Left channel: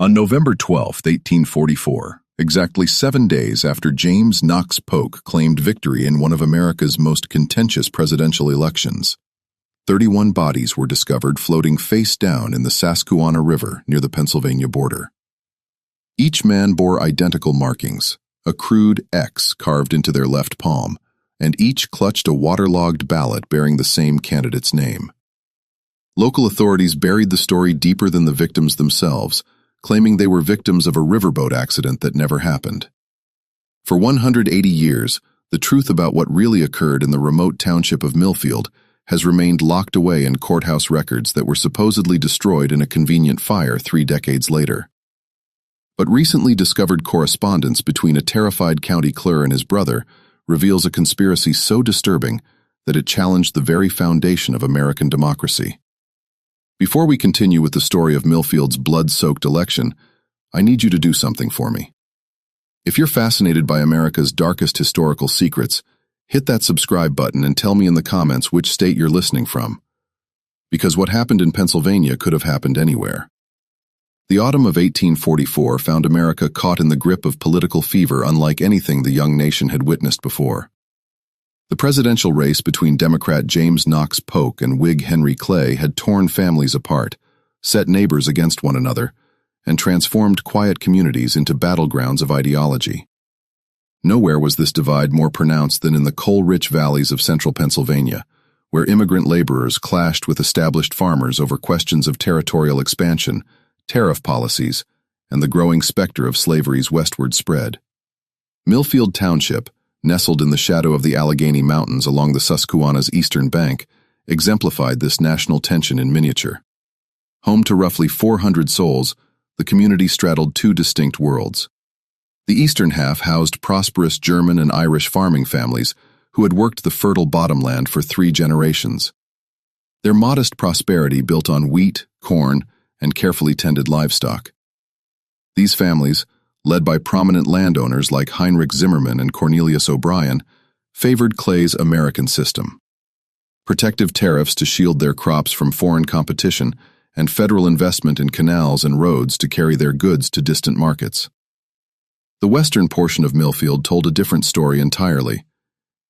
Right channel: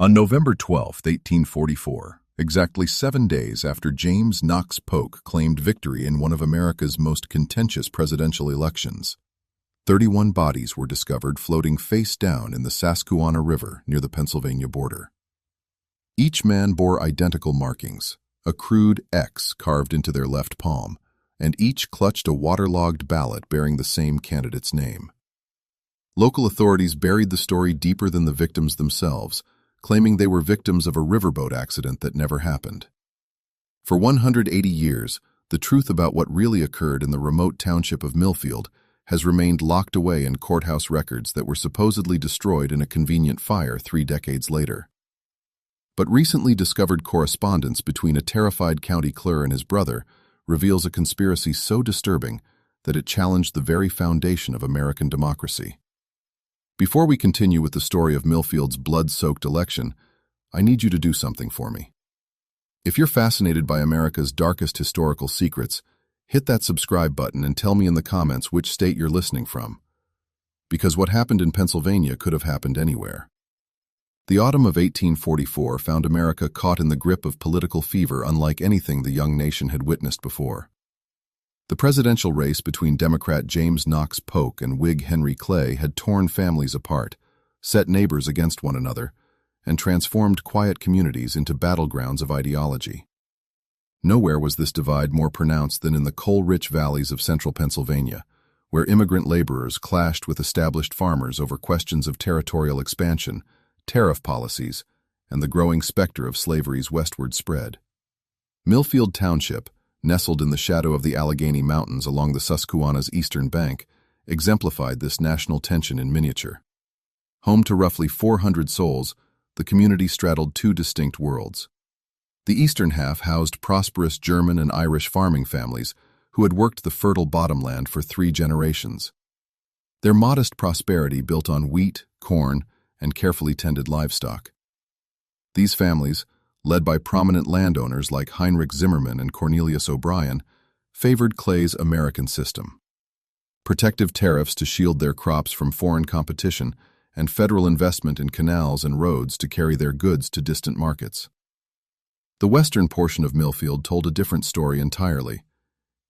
On November 12, 1844, exactly 7 days after James Knox Polk claimed victory in one of America's most contentious presidential elections, 31 bodies were discovered floating face down in the Susquehanna River near the Pennsylvania border. Each man bore identical markings, a crude X carved into their left palm, and each clutched a waterlogged ballot bearing the same candidate's name. Local authorities buried the story deeper than the victims themselves, claiming they were victims of a riverboat accident that never happened. For 180 years, the truth about what really occurred in the remote township of Millfield has remained locked away in courthouse records that were supposedly destroyed in a convenient fire 3 decades later. But recently discovered correspondence between a terrified county clerk and his brother reveals a conspiracy so disturbing that it challenged the very foundation of American democracy. Before we continue with the story of Millfield's blood-soaked election, I need you to do something for me. If you're fascinated by America's darkest historical secrets, hit that subscribe button and tell me in the comments which state you're listening from. Because what happened in Pennsylvania could have happened anywhere. The autumn of 1844 found America caught in the grip of political fever unlike anything the young nation had witnessed before. The presidential race between Democrat James Knox Polk and Whig Henry Clay had torn families apart, set neighbors against one another, and transformed quiet communities into battlegrounds of ideology. Nowhere was this divide more pronounced than in the coal-rich valleys of central Pennsylvania, where immigrant laborers clashed with established farmers over questions of territorial expansion, tariff policies, and the growing specter of slavery's westward spread. Millfield Township, nestled in the shadow of the Allegheny Mountains along the Susquehanna's eastern bank, exemplified this national tension in miniature. Home to roughly 400 souls, the community straddled 2 distinct worlds. The eastern half housed prosperous German and Irish farming families who had worked the fertile bottomland for 3 generations. Their modest prosperity built on wheat, corn, and carefully tended livestock. These families, led by prominent landowners like Heinrich Zimmerman and Cornelius O'Brien, favored Clay's American system. Protective tariffs to shield their crops from foreign competition and federal investment in canals and roads to carry their goods to distant markets. The western portion of Millfield told a different story entirely.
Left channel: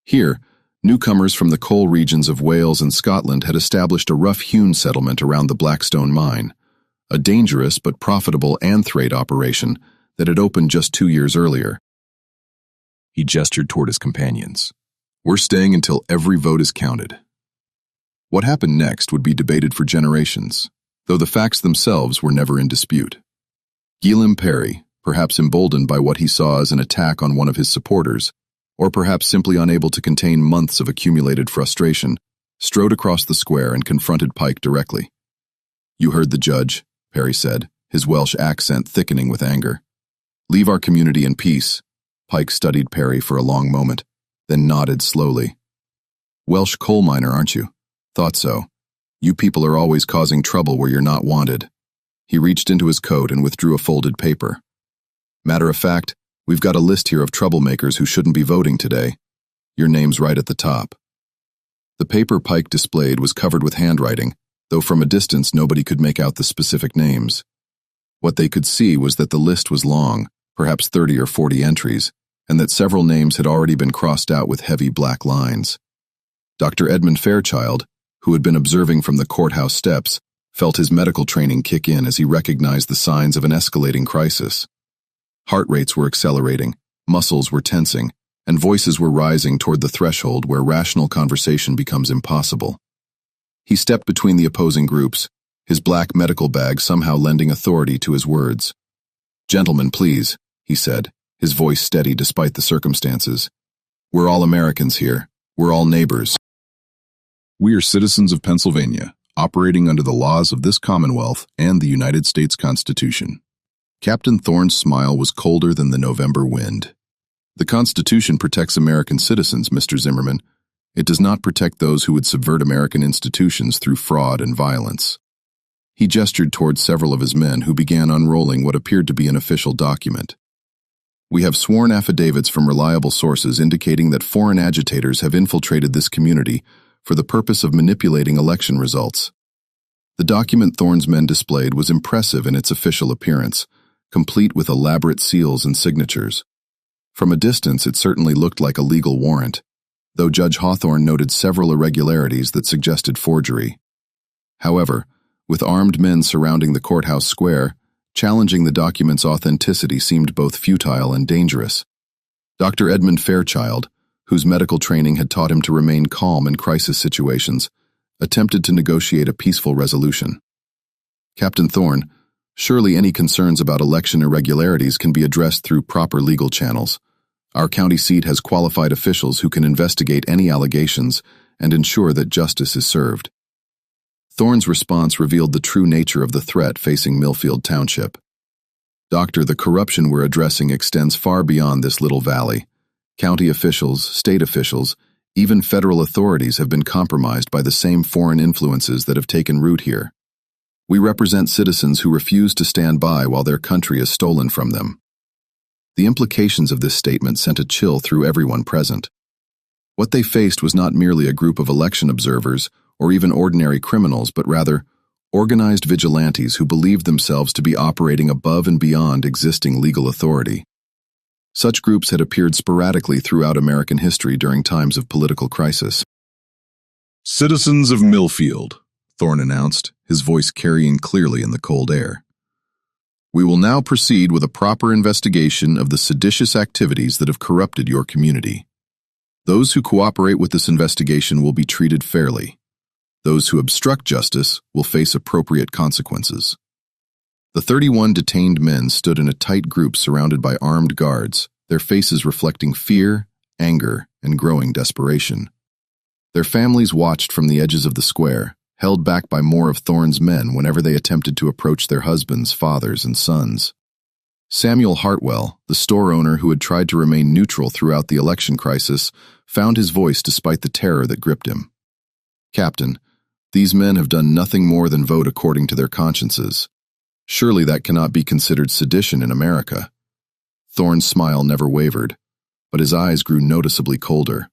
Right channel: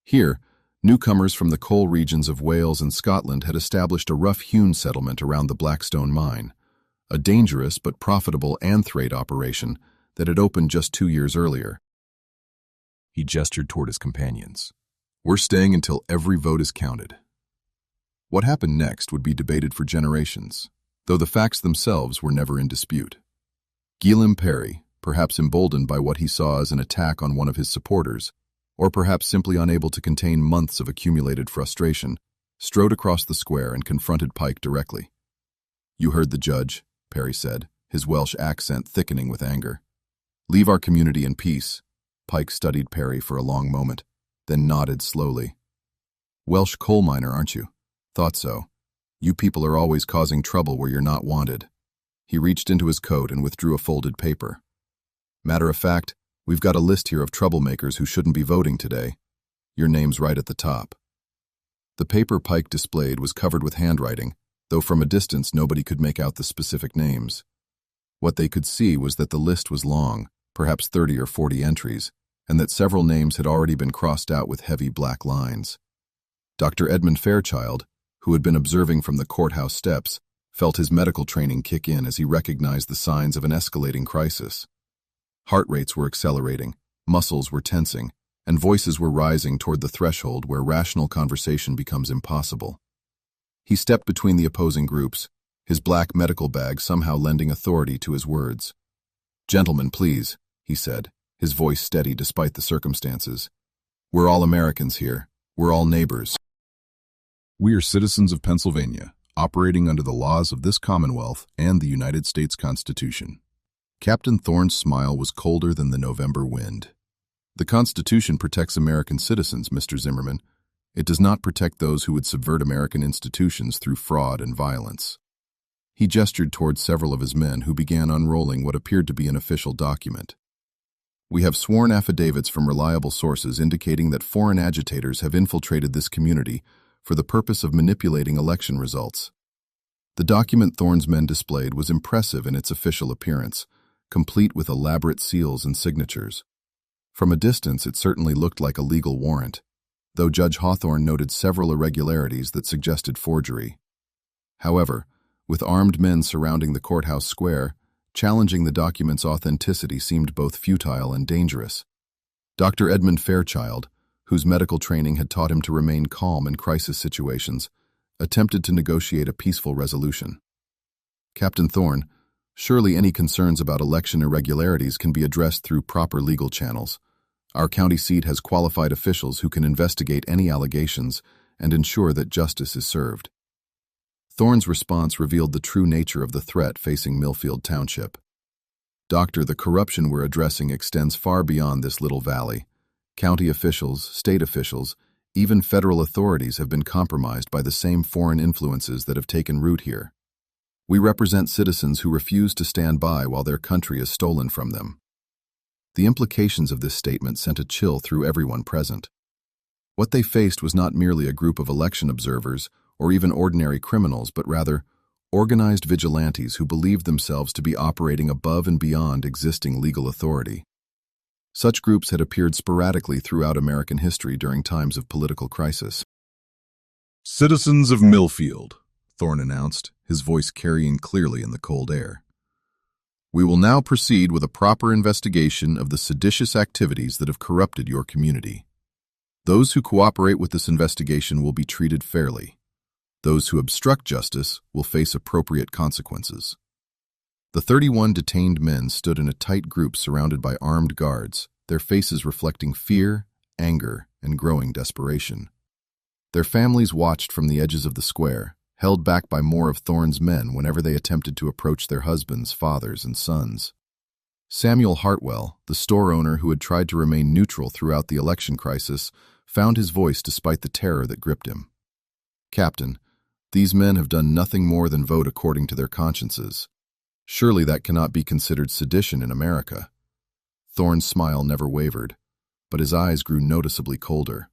Here, newcomers from the coal regions of Wales and Scotland had established a rough-hewn settlement around the Blackstone mine, a dangerous but profitable anthrate operation that had opened just 2 years earlier. He gestured toward his companions. "We're staying until every vote is counted." What happened next would be debated for generations, though the facts themselves were never in dispute. Gilliam Perry, perhaps emboldened by what he saw as an attack on one of his supporters, or perhaps simply unable to contain months of accumulated frustration, strode across the square and confronted Pike directly. "You heard the judge," Perry said, his Welsh accent thickening with anger. "Leave our community in peace." Pike studied Perry for a long moment, then nodded slowly. "Welsh coal miner, aren't you? Thought so. You people are always causing trouble where you're not wanted." He reached into his coat and withdrew a folded paper. "Matter of fact, we've got a list here of troublemakers who shouldn't be voting today. Your name's right at the top." The paper Pike displayed was covered with handwriting, though from a distance nobody could make out the specific names. What they could see was that the list was long, perhaps 30 or 40 entries, and that several names had already been crossed out with heavy black lines. Dr. Edmund Fairchild, who had been observing from the courthouse steps, felt his medical training kick in as he recognized the signs of an escalating crisis. Heart rates were accelerating, muscles were tensing, and voices were rising toward the threshold where rational conversation becomes impossible. He stepped between the opposing groups, his black medical bag somehow lending authority to his words. "Gentlemen, please," he said, his voice steady despite the circumstances. "We're all Americans here. We're all neighbors. We are citizens of Pennsylvania, operating under the laws of this Commonwealth and the United States Constitution." Captain Thorne's smile was colder than the November wind. "The Constitution protects American citizens, Mr. Zimmerman. It does not protect those who would subvert American institutions through fraud and violence." He gestured toward several of his men who began unrolling what appeared to be an official document. "We have sworn affidavits from reliable sources indicating that foreign agitators have infiltrated this community for the purpose of manipulating election results." The document Thorne's men displayed was impressive in its official appearance, complete with elaborate seals and signatures. From a distance, it certainly looked like a legal warrant, though Judge Hawthorne noted several irregularities that suggested forgery. However, with armed men surrounding the courthouse square, challenging the document's authenticity seemed both futile and dangerous. Dr. Edmund Fairchild, whose medical training had taught him to remain calm in crisis situations, attempted to negotiate a peaceful resolution. Captain Thorne, surely any concerns about election irregularities can be addressed through proper legal channels. Our county seat has qualified officials who can investigate any allegations and ensure that justice is served. Thorne's response revealed the true nature of the threat facing Millfield Township. Doctor, the corruption we're addressing extends far beyond this little valley. County officials, state officials, even federal authorities have been compromised by the same foreign influences that have taken root here. We represent citizens who refuse to stand by while their country is stolen from them. The implications of this statement sent a chill through everyone present. What they faced was not merely a group of election observers or even ordinary criminals, but rather organized vigilantes who believed themselves to be operating above and beyond existing legal authority. Such groups had appeared sporadically throughout American history during times of political crisis. "Citizens of Millfield," Thorne announced, his voice carrying clearly in the cold air. "We will now proceed with a proper investigation of the seditious activities that have corrupted your community. Those who cooperate with this investigation will be treated fairly. Those who obstruct justice will face appropriate consequences." The 31 detained men stood in a tight group surrounded by armed guards, their faces reflecting fear, anger, and growing desperation. Their families watched from the edges of the square, held back by more of Thorne's men whenever they attempted to approach their husbands, fathers, and sons. Samuel Hartwell, the store owner who had tried to remain neutral throughout the election crisis, found his voice despite the terror that gripped him. "Captain, these men have done nothing more than vote according to their consciences. Surely that cannot be considered sedition in America." Thorne's smile never wavered, but his eyes grew noticeably colder.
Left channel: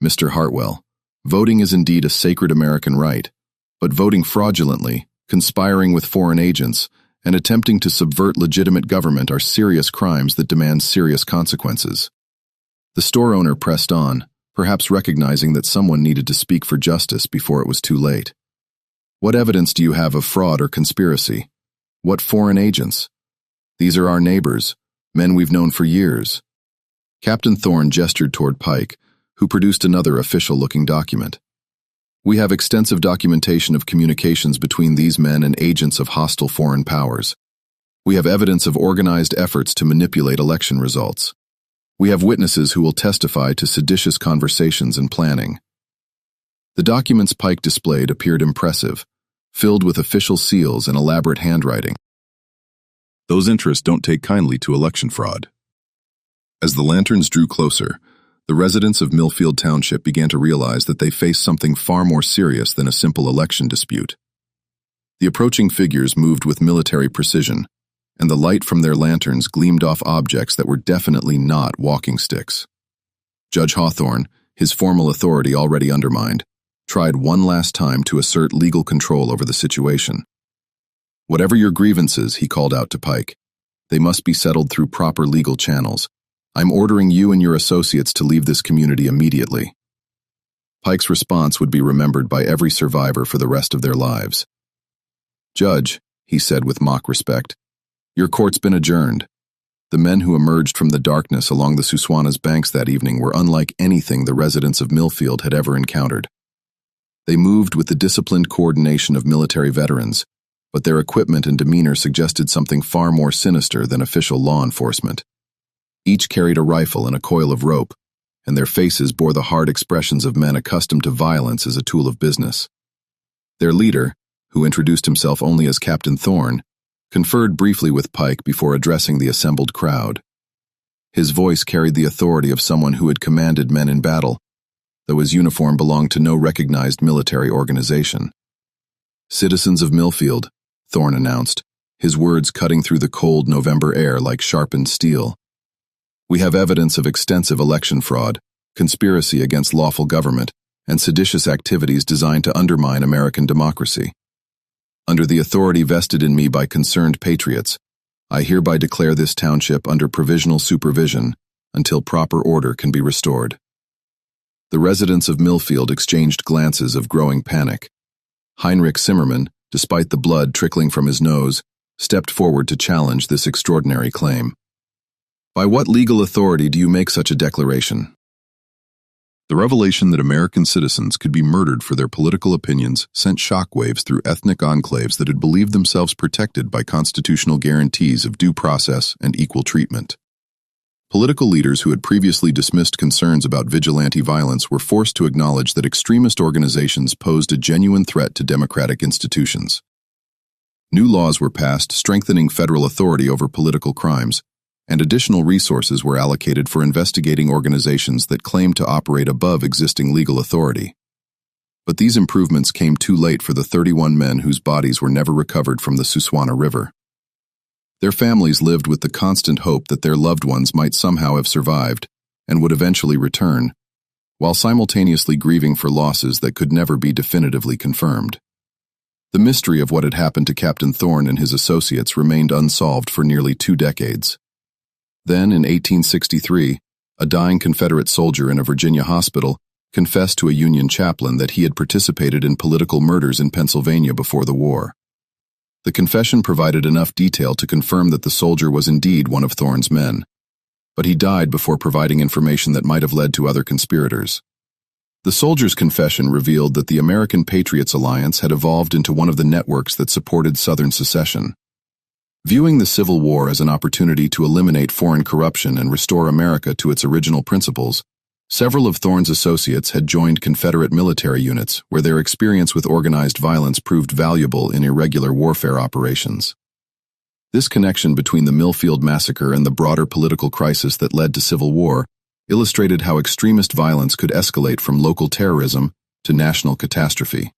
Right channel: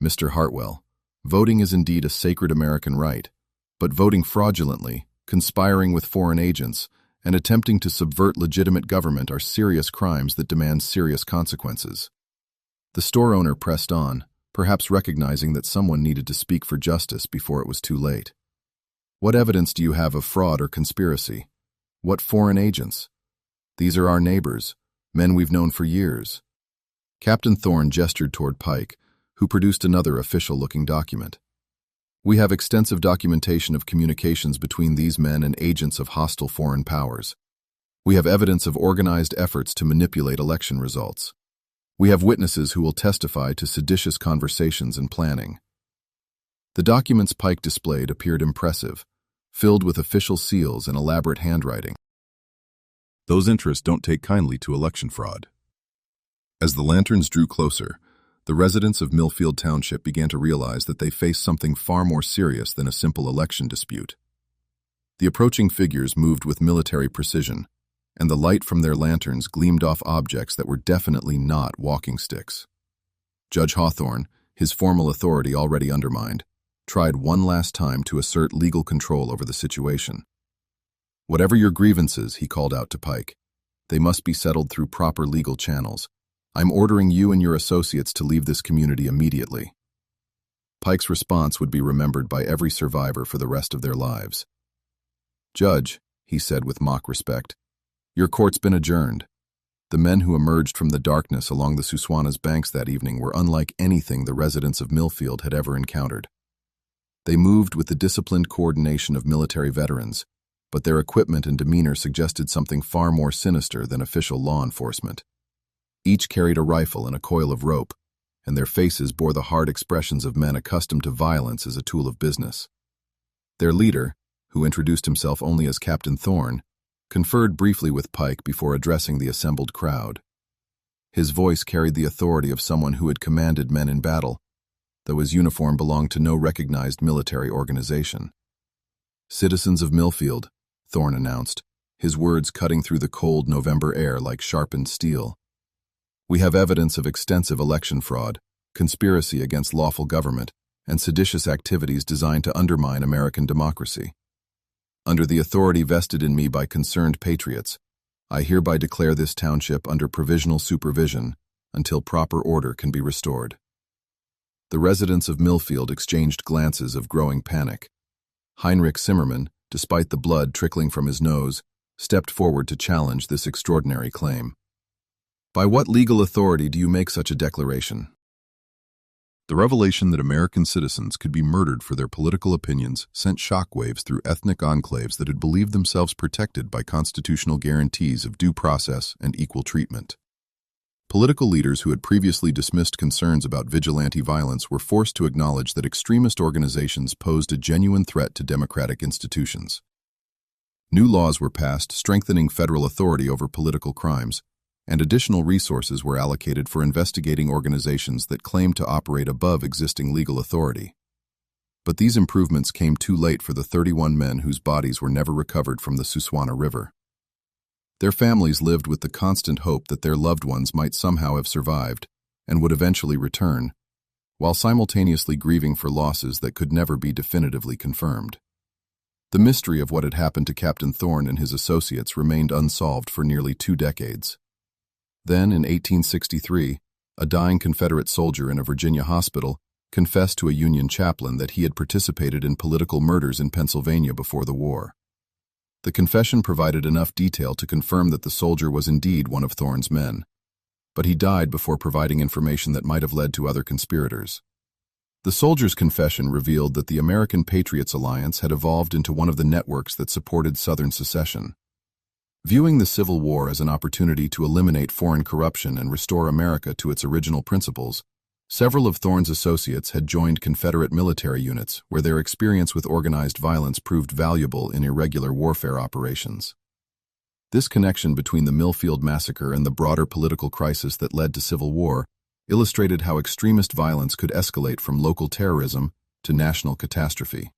"Mr. Hartwell, voting is indeed a sacred American right, but voting fraudulently, conspiring with foreign agents, and attempting to subvert legitimate government are serious crimes that demand serious consequences." The store owner pressed on, perhaps recognizing that someone needed to speak for justice before it was too late. "What evidence do you have of fraud or conspiracy? What foreign agents? These are our neighbors, men we've known for years." Captain Thorne gestured toward Pike, who produced another official-looking document. "We have extensive documentation of communications between these men and agents of hostile foreign powers. We have evidence of organized efforts to manipulate election results. We have witnesses who will testify to seditious conversations and planning." The documents Pike displayed appeared impressive, filled with official seals and elaborate handwriting. Those interests don't take kindly to election fraud. As the lanterns drew closer, the residents of Millfield Township began to realize that they faced something far more serious than a simple election dispute. The approaching figures moved with military precision, and the light from their lanterns gleamed off objects that were definitely not walking sticks. Judge Hawthorne, his formal authority already undermined, tried one last time to assert legal control over the situation. "Whatever your grievances," he called out to Pike, "they must be settled through proper legal channels. I'm ordering you and your associates to leave this community immediately." Pike's response would be remembered by every survivor for the rest of their lives. "Judge," he said with mock respect, "your court's been adjourned." The men who emerged from the darkness along the Susquehanna's banks that evening were unlike anything the residents of Millfield had ever encountered. They moved with the disciplined coordination of military veterans, but their equipment and demeanor suggested something far more sinister than official law enforcement. Each carried a rifle and a coil of rope, and their faces bore the hard expressions of men accustomed to violence as a tool of business. Their leader, who introduced himself only as Captain Thorne, conferred briefly with Pike before addressing the assembled crowd. His voice carried the authority of someone who had commanded men in battle, though his uniform belonged to no recognized military organization. "Citizens of Millfield," Thorne announced, his words cutting through the cold November air like sharpened steel. "We have evidence of extensive election fraud, conspiracy against lawful government, and seditious activities designed to undermine American democracy. Under the authority vested in me by concerned patriots, I hereby declare this township under provisional supervision until proper order can be restored." The residents of Millfield exchanged glances of growing panic. Heinrich Zimmermann, despite the blood trickling from his nose, stepped forward to challenge this extraordinary claim. "By what legal authority do you make such a declaration?" The revelation that American citizens could be murdered for their political opinions sent shockwaves through ethnic enclaves that had believed themselves protected by constitutional guarantees of due process and equal treatment. Political leaders who had previously dismissed concerns about vigilante violence were forced to acknowledge that extremist organizations posed a genuine threat to democratic institutions. New laws were passed strengthening federal authority over political crimes, and additional resources were allocated for investigating organizations that claimed to operate above existing legal authority. But these improvements came too late for the 31 men whose bodies were never recovered from the Susquehanna River. Their families lived with the constant hope that their loved ones might somehow have survived and would eventually return, while simultaneously grieving for losses that could never be definitively confirmed. The mystery of what had happened to Captain Thorne and his associates remained unsolved for nearly 2 decades. Then, in 1863, a dying Confederate soldier in a Virginia hospital confessed to a Union chaplain that he had participated in political murders in Pennsylvania before the war. The confession provided enough detail to confirm that the soldier was indeed one of Thorne's men, but he died before providing information that might have led to other conspirators. The soldier's confession revealed that the American Patriots Alliance had evolved into one of the networks that supported Southern secession. Viewing the Civil War as an opportunity to eliminate foreign corruption and restore America to its original principles, several of Thorne's associates had joined Confederate military units where their experience with organized violence proved valuable in irregular warfare operations. This connection between the Millfield massacre and the broader political crisis that led to civil war illustrated how extremist violence could escalate from local terrorism to national catastrophe.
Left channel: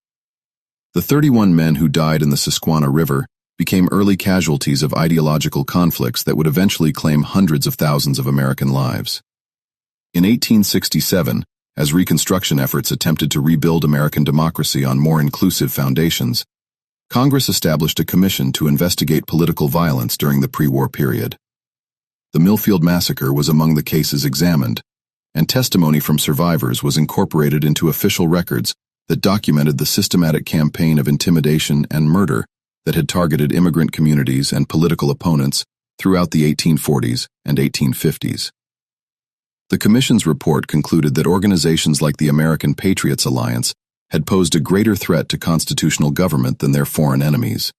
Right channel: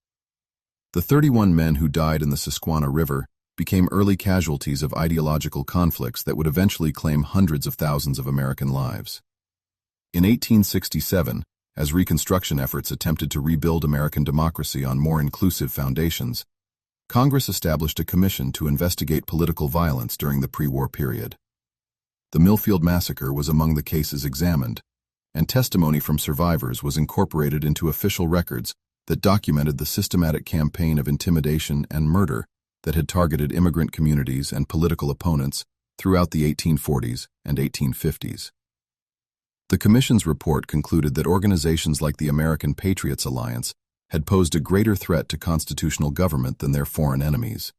The 31 men who died in the Susquehanna River became early casualties of ideological conflicts that would eventually claim hundreds of thousands of American lives. In 1867, as Reconstruction efforts attempted to rebuild American democracy on more inclusive foundations, Congress established a commission to investigate political violence during the pre-war period. The Millfield Massacre was among the cases examined, and testimony from survivors was incorporated into official records that documented the systematic campaign of intimidation and murder that had targeted immigrant communities and political opponents throughout the 1840s and 1850s. The Commission's report concluded that organizations like the American Patriots Alliance had posed a greater threat to constitutional government than their foreign enemies.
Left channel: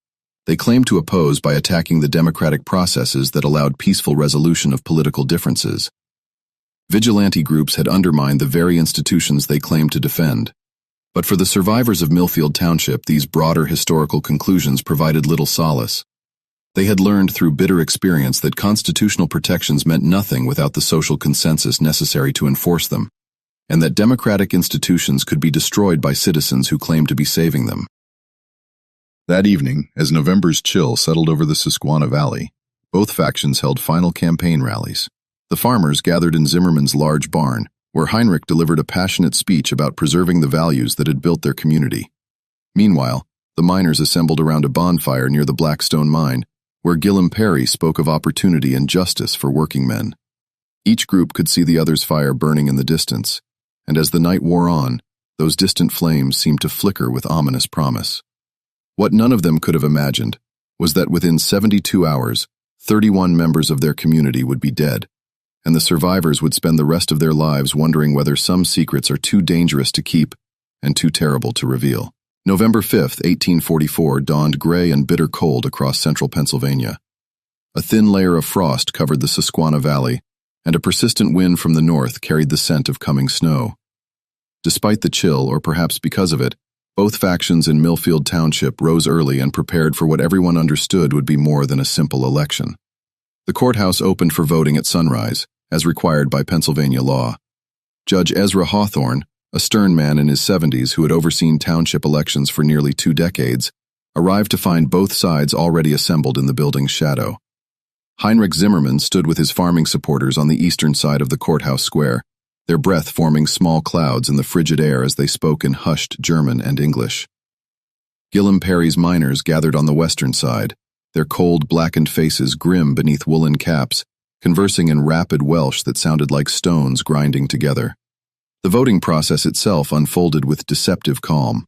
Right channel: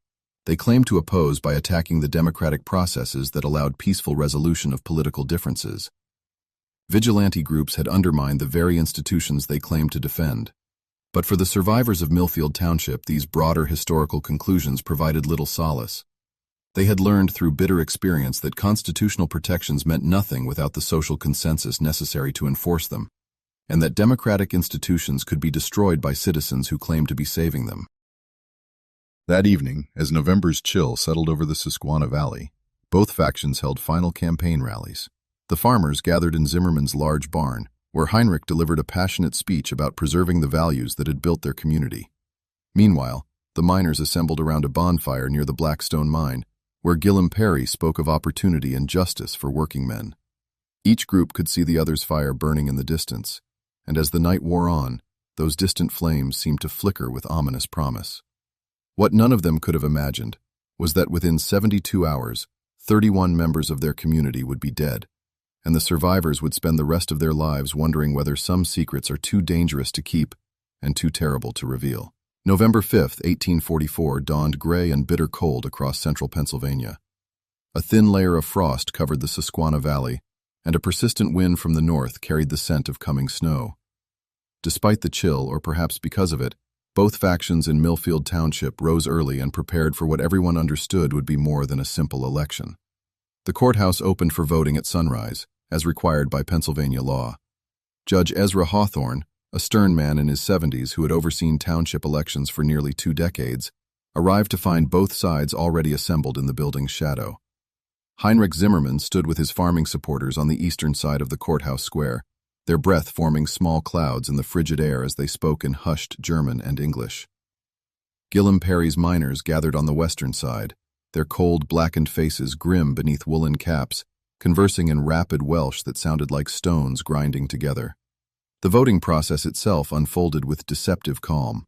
They claimed to oppose by attacking the democratic processes that allowed peaceful resolution of political differences. Vigilante groups had undermined the very institutions they claimed to defend. But for the survivors of Millfield Township, these broader historical conclusions provided little solace. They had learned through bitter experience that constitutional protections meant nothing without the social consensus necessary to enforce them, and that democratic institutions could be destroyed by citizens who claimed to be saving them. That evening, as November's chill settled over the Susquehanna Valley, both factions held final campaign rallies. The farmers gathered in Zimmermann's large barn, where Heinrich delivered a passionate speech about preserving the values that had built their community. Meanwhile, the miners assembled around a bonfire near the Blackstone mine, where Gillem Perry spoke of opportunity and justice for working men. Each group could see the other's fire burning in the distance, and as the night wore on, those distant flames seemed to flicker with ominous promise. What none of them could have imagined was that within 72 hours, 31 members of their community would be dead, and the survivors would spend the rest of their lives wondering whether some secrets are too dangerous to keep and too terrible to reveal. November 5, 1844, dawned gray and bitter cold across central Pennsylvania. A thin layer of frost covered the Susquehanna Valley, and a persistent wind from the north carried the scent of coming snow. Despite the chill, or perhaps because of it, both factions in Millfield Township rose early and prepared for what everyone understood would be more than a simple election. The courthouse opened for voting at sunrise, as required by Pennsylvania law. Judge Ezra Hawthorne, a stern man in his 70s who had overseen township elections for nearly 2 decades, arrived to find both sides already assembled in the building's shadow. Heinrich Zimmermann stood with his farming supporters on the eastern side of the courthouse square, their breath forming small clouds in the frigid air as they spoke in hushed German and English. Gillem Perry's miners gathered on the western side, their cold, blackened faces grim beneath woolen caps, conversing in rapid Welsh that sounded like stones grinding together. The voting process itself unfolded with deceptive calm.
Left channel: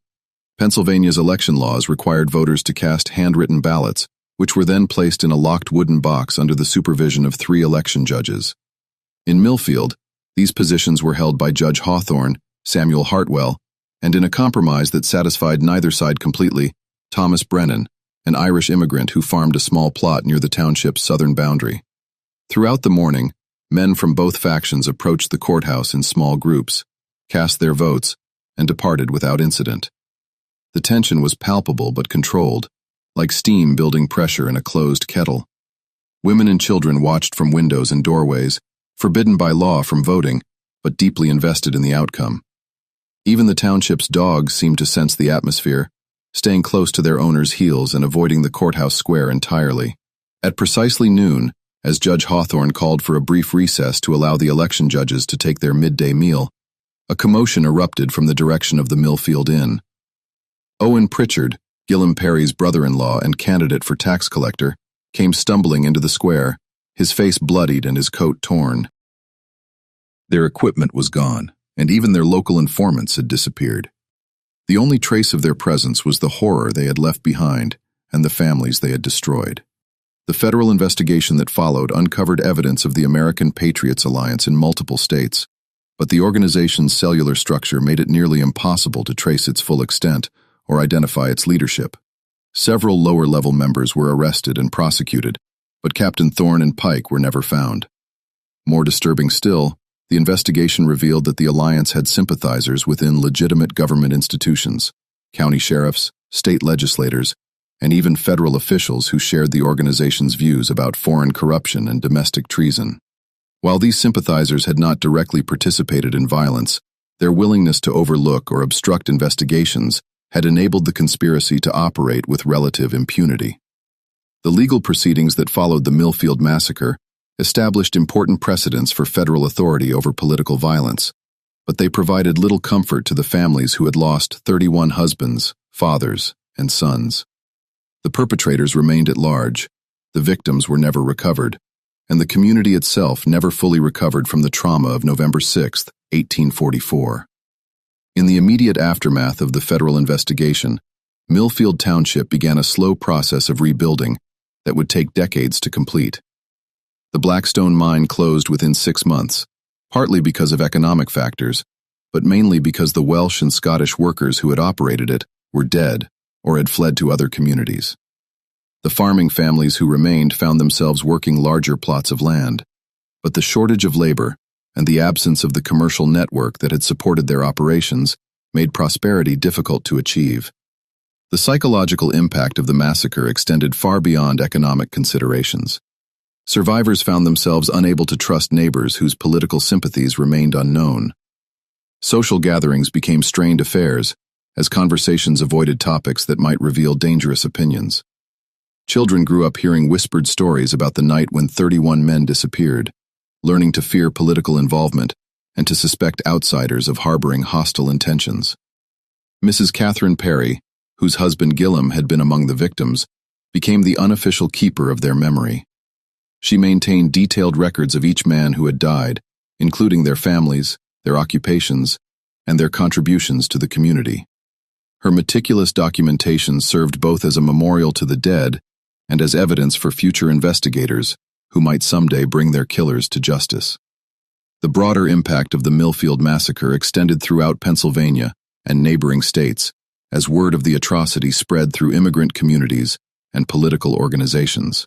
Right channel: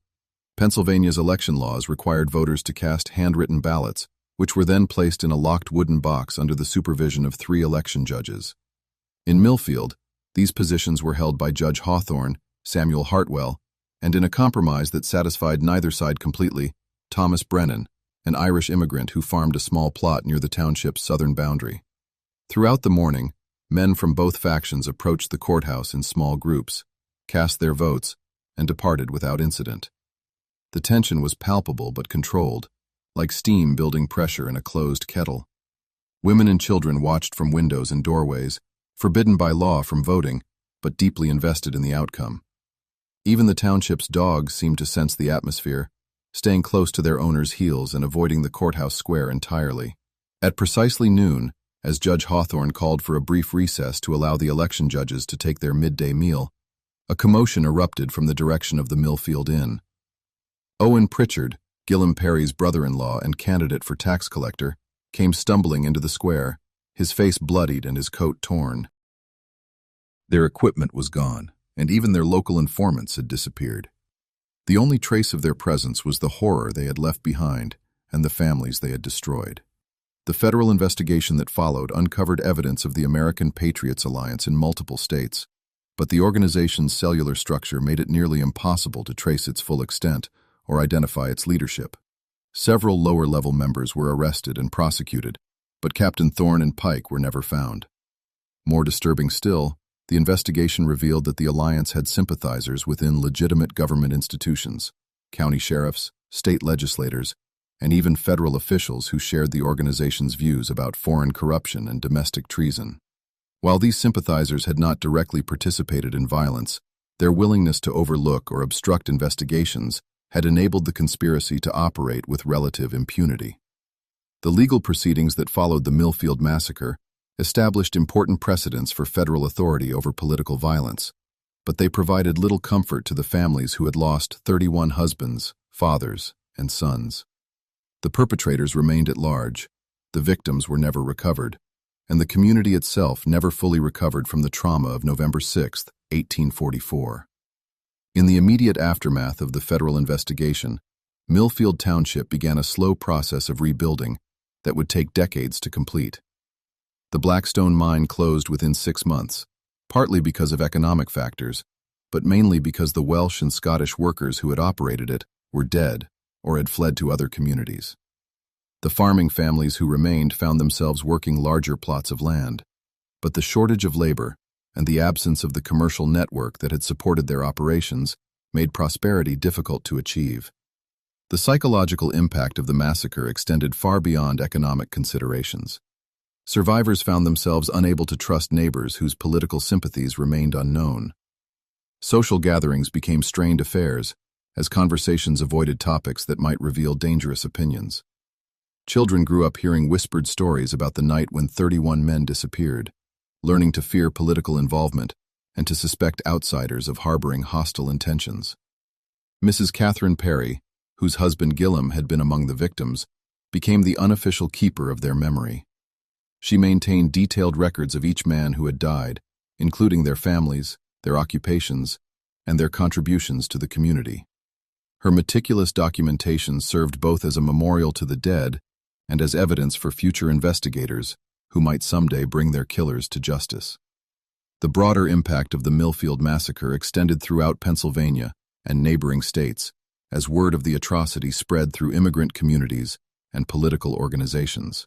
Pennsylvania's election laws required voters to cast handwritten ballots, which were then placed in a locked wooden box under the supervision of 3 election judges. In Millfield, these positions were held by Judge Hawthorne, Samuel Hartwell, and in a compromise that satisfied neither side completely, Thomas Brennan, an Irish immigrant who farmed a small plot near the township's southern boundary. Throughout the morning, men from both factions approached the courthouse in small groups, cast their votes, and departed without incident. The tension was palpable but controlled, like steam building pressure in a closed kettle. Women and children watched from windows and doorways, forbidden by law from voting, but deeply invested in the outcome. Even the township's dogs seemed to sense the atmosphere, staying close to their owners' heels and avoiding the courthouse square entirely. At precisely noon, as Judge Hawthorne called for a brief recess to allow the election judges to take their midday meal, a commotion erupted from the direction of the Millfield Inn. Owen Pritchard, Gillum Perry's brother-in-law and candidate for tax collector, came stumbling into the square, his face bloodied and his coat torn. Their equipment was gone, and even their local informants had disappeared. The only trace of their presence was the horror they had left behind and the families they had destroyed. The federal investigation that followed uncovered evidence of the American Patriots Alliance in multiple states, but the organization's cellular structure made it nearly impossible to trace its full extent or identify its leadership. Several lower-level members were arrested and prosecuted, but Captain Thorne and Pike were never found. More disturbing still, the investigation revealed that the alliance had sympathizers within legitimate government institutions, county sheriffs, state legislators, and even federal officials who shared the organization's views about foreign corruption and domestic treason. While these sympathizers had not directly participated in violence, their willingness to overlook or obstruct investigations had enabled the conspiracy to operate with relative impunity. The legal proceedings that followed the Millfield massacre established important precedents for federal authority over political violence, but they provided little comfort to the families who had lost 31 husbands, fathers, and sons. The perpetrators remained at large, the victims were never recovered, and the community itself never fully recovered from the trauma of November 6, 1844. In the immediate aftermath of the federal investigation, Millfield Township began a slow process of rebuilding that would take decades to complete. The Blackstone mine closed within 6 months, partly because of economic factors, but mainly because the Welsh and Scottish workers who had operated it were dead or had fled to other communities. The farming families who remained found themselves working larger plots of land, but the shortage of labor and the absence of the commercial network that had supported their operations made prosperity difficult to achieve. The psychological impact of the massacre extended far beyond economic considerations. Survivors found themselves unable to trust neighbors whose political sympathies remained unknown. Social gatherings became strained affairs, as conversations avoided topics that might reveal dangerous opinions. Children grew up hearing whispered stories about the night when 31 men disappeared, learning to fear political involvement and to suspect outsiders of harboring hostile intentions. Mrs. Catherine Perry, whose husband Gillum had been among the victims, became the unofficial keeper of their memory. She maintained detailed records of each man who had died, including their families, their occupations, and their contributions to the community. Her meticulous documentation served both as a memorial to the dead and as evidence for future investigators who might someday bring their killers to justice. The broader impact of the Millfield massacre extended throughout Pennsylvania and neighboring states, as word of the atrocity spread through immigrant communities and political organizations.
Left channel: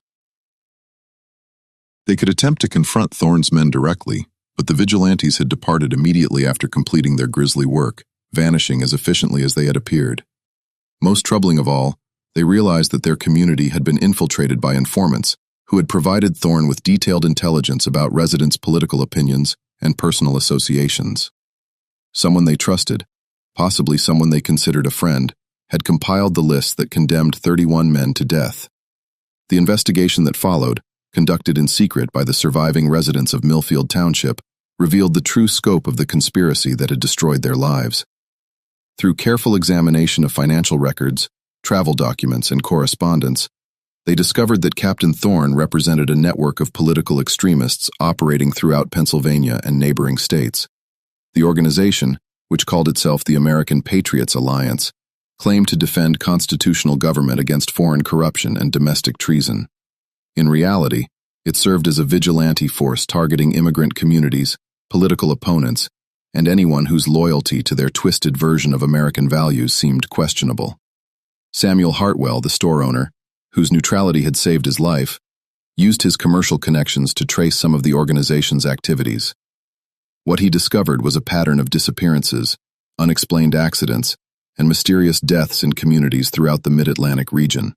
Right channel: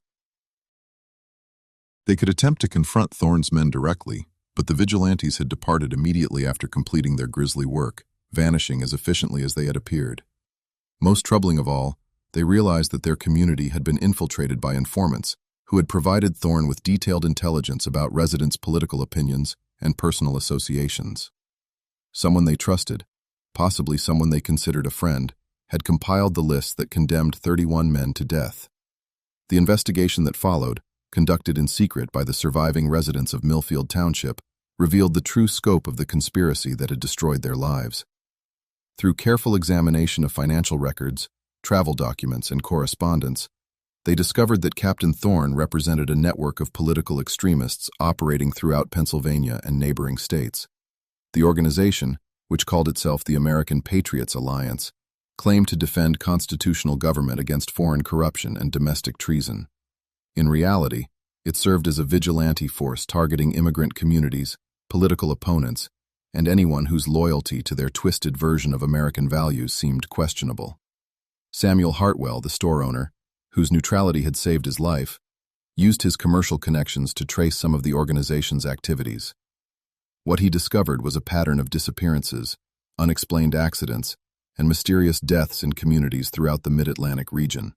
They could attempt to confront Thorne's men directly, but the vigilantes had departed immediately after completing their grisly work, vanishing as efficiently as they had appeared. Most troubling of all, they realized that their community had been infiltrated by informants who had provided Thorne with detailed intelligence about residents' political opinions and personal associations. Someone they trusted, possibly someone they considered a friend, had compiled the list that condemned 31 men to death. The investigation that followed, conducted in secret by the surviving residents of Millfield Township, revealed the true scope of the conspiracy that had destroyed their lives. Through careful examination of financial records, travel documents, and correspondence, They discovered that Captain Thorne represented a network of political extremists operating throughout Pennsylvania and neighboring states. The organization, which called itself the American Patriots Alliance, claimed to defend constitutional government against foreign corruption and domestic treason. In reality, it served as a vigilante force targeting immigrant communities, political opponents, and anyone whose loyalty to their twisted version of American values seemed questionable. Samuel Hartwell, the store owner, whose neutrality had saved his life, used his commercial connections to trace some of the organization's activities. What he discovered was a pattern of disappearances, unexplained accidents, and mysterious deaths in communities throughout the Mid-Atlantic region.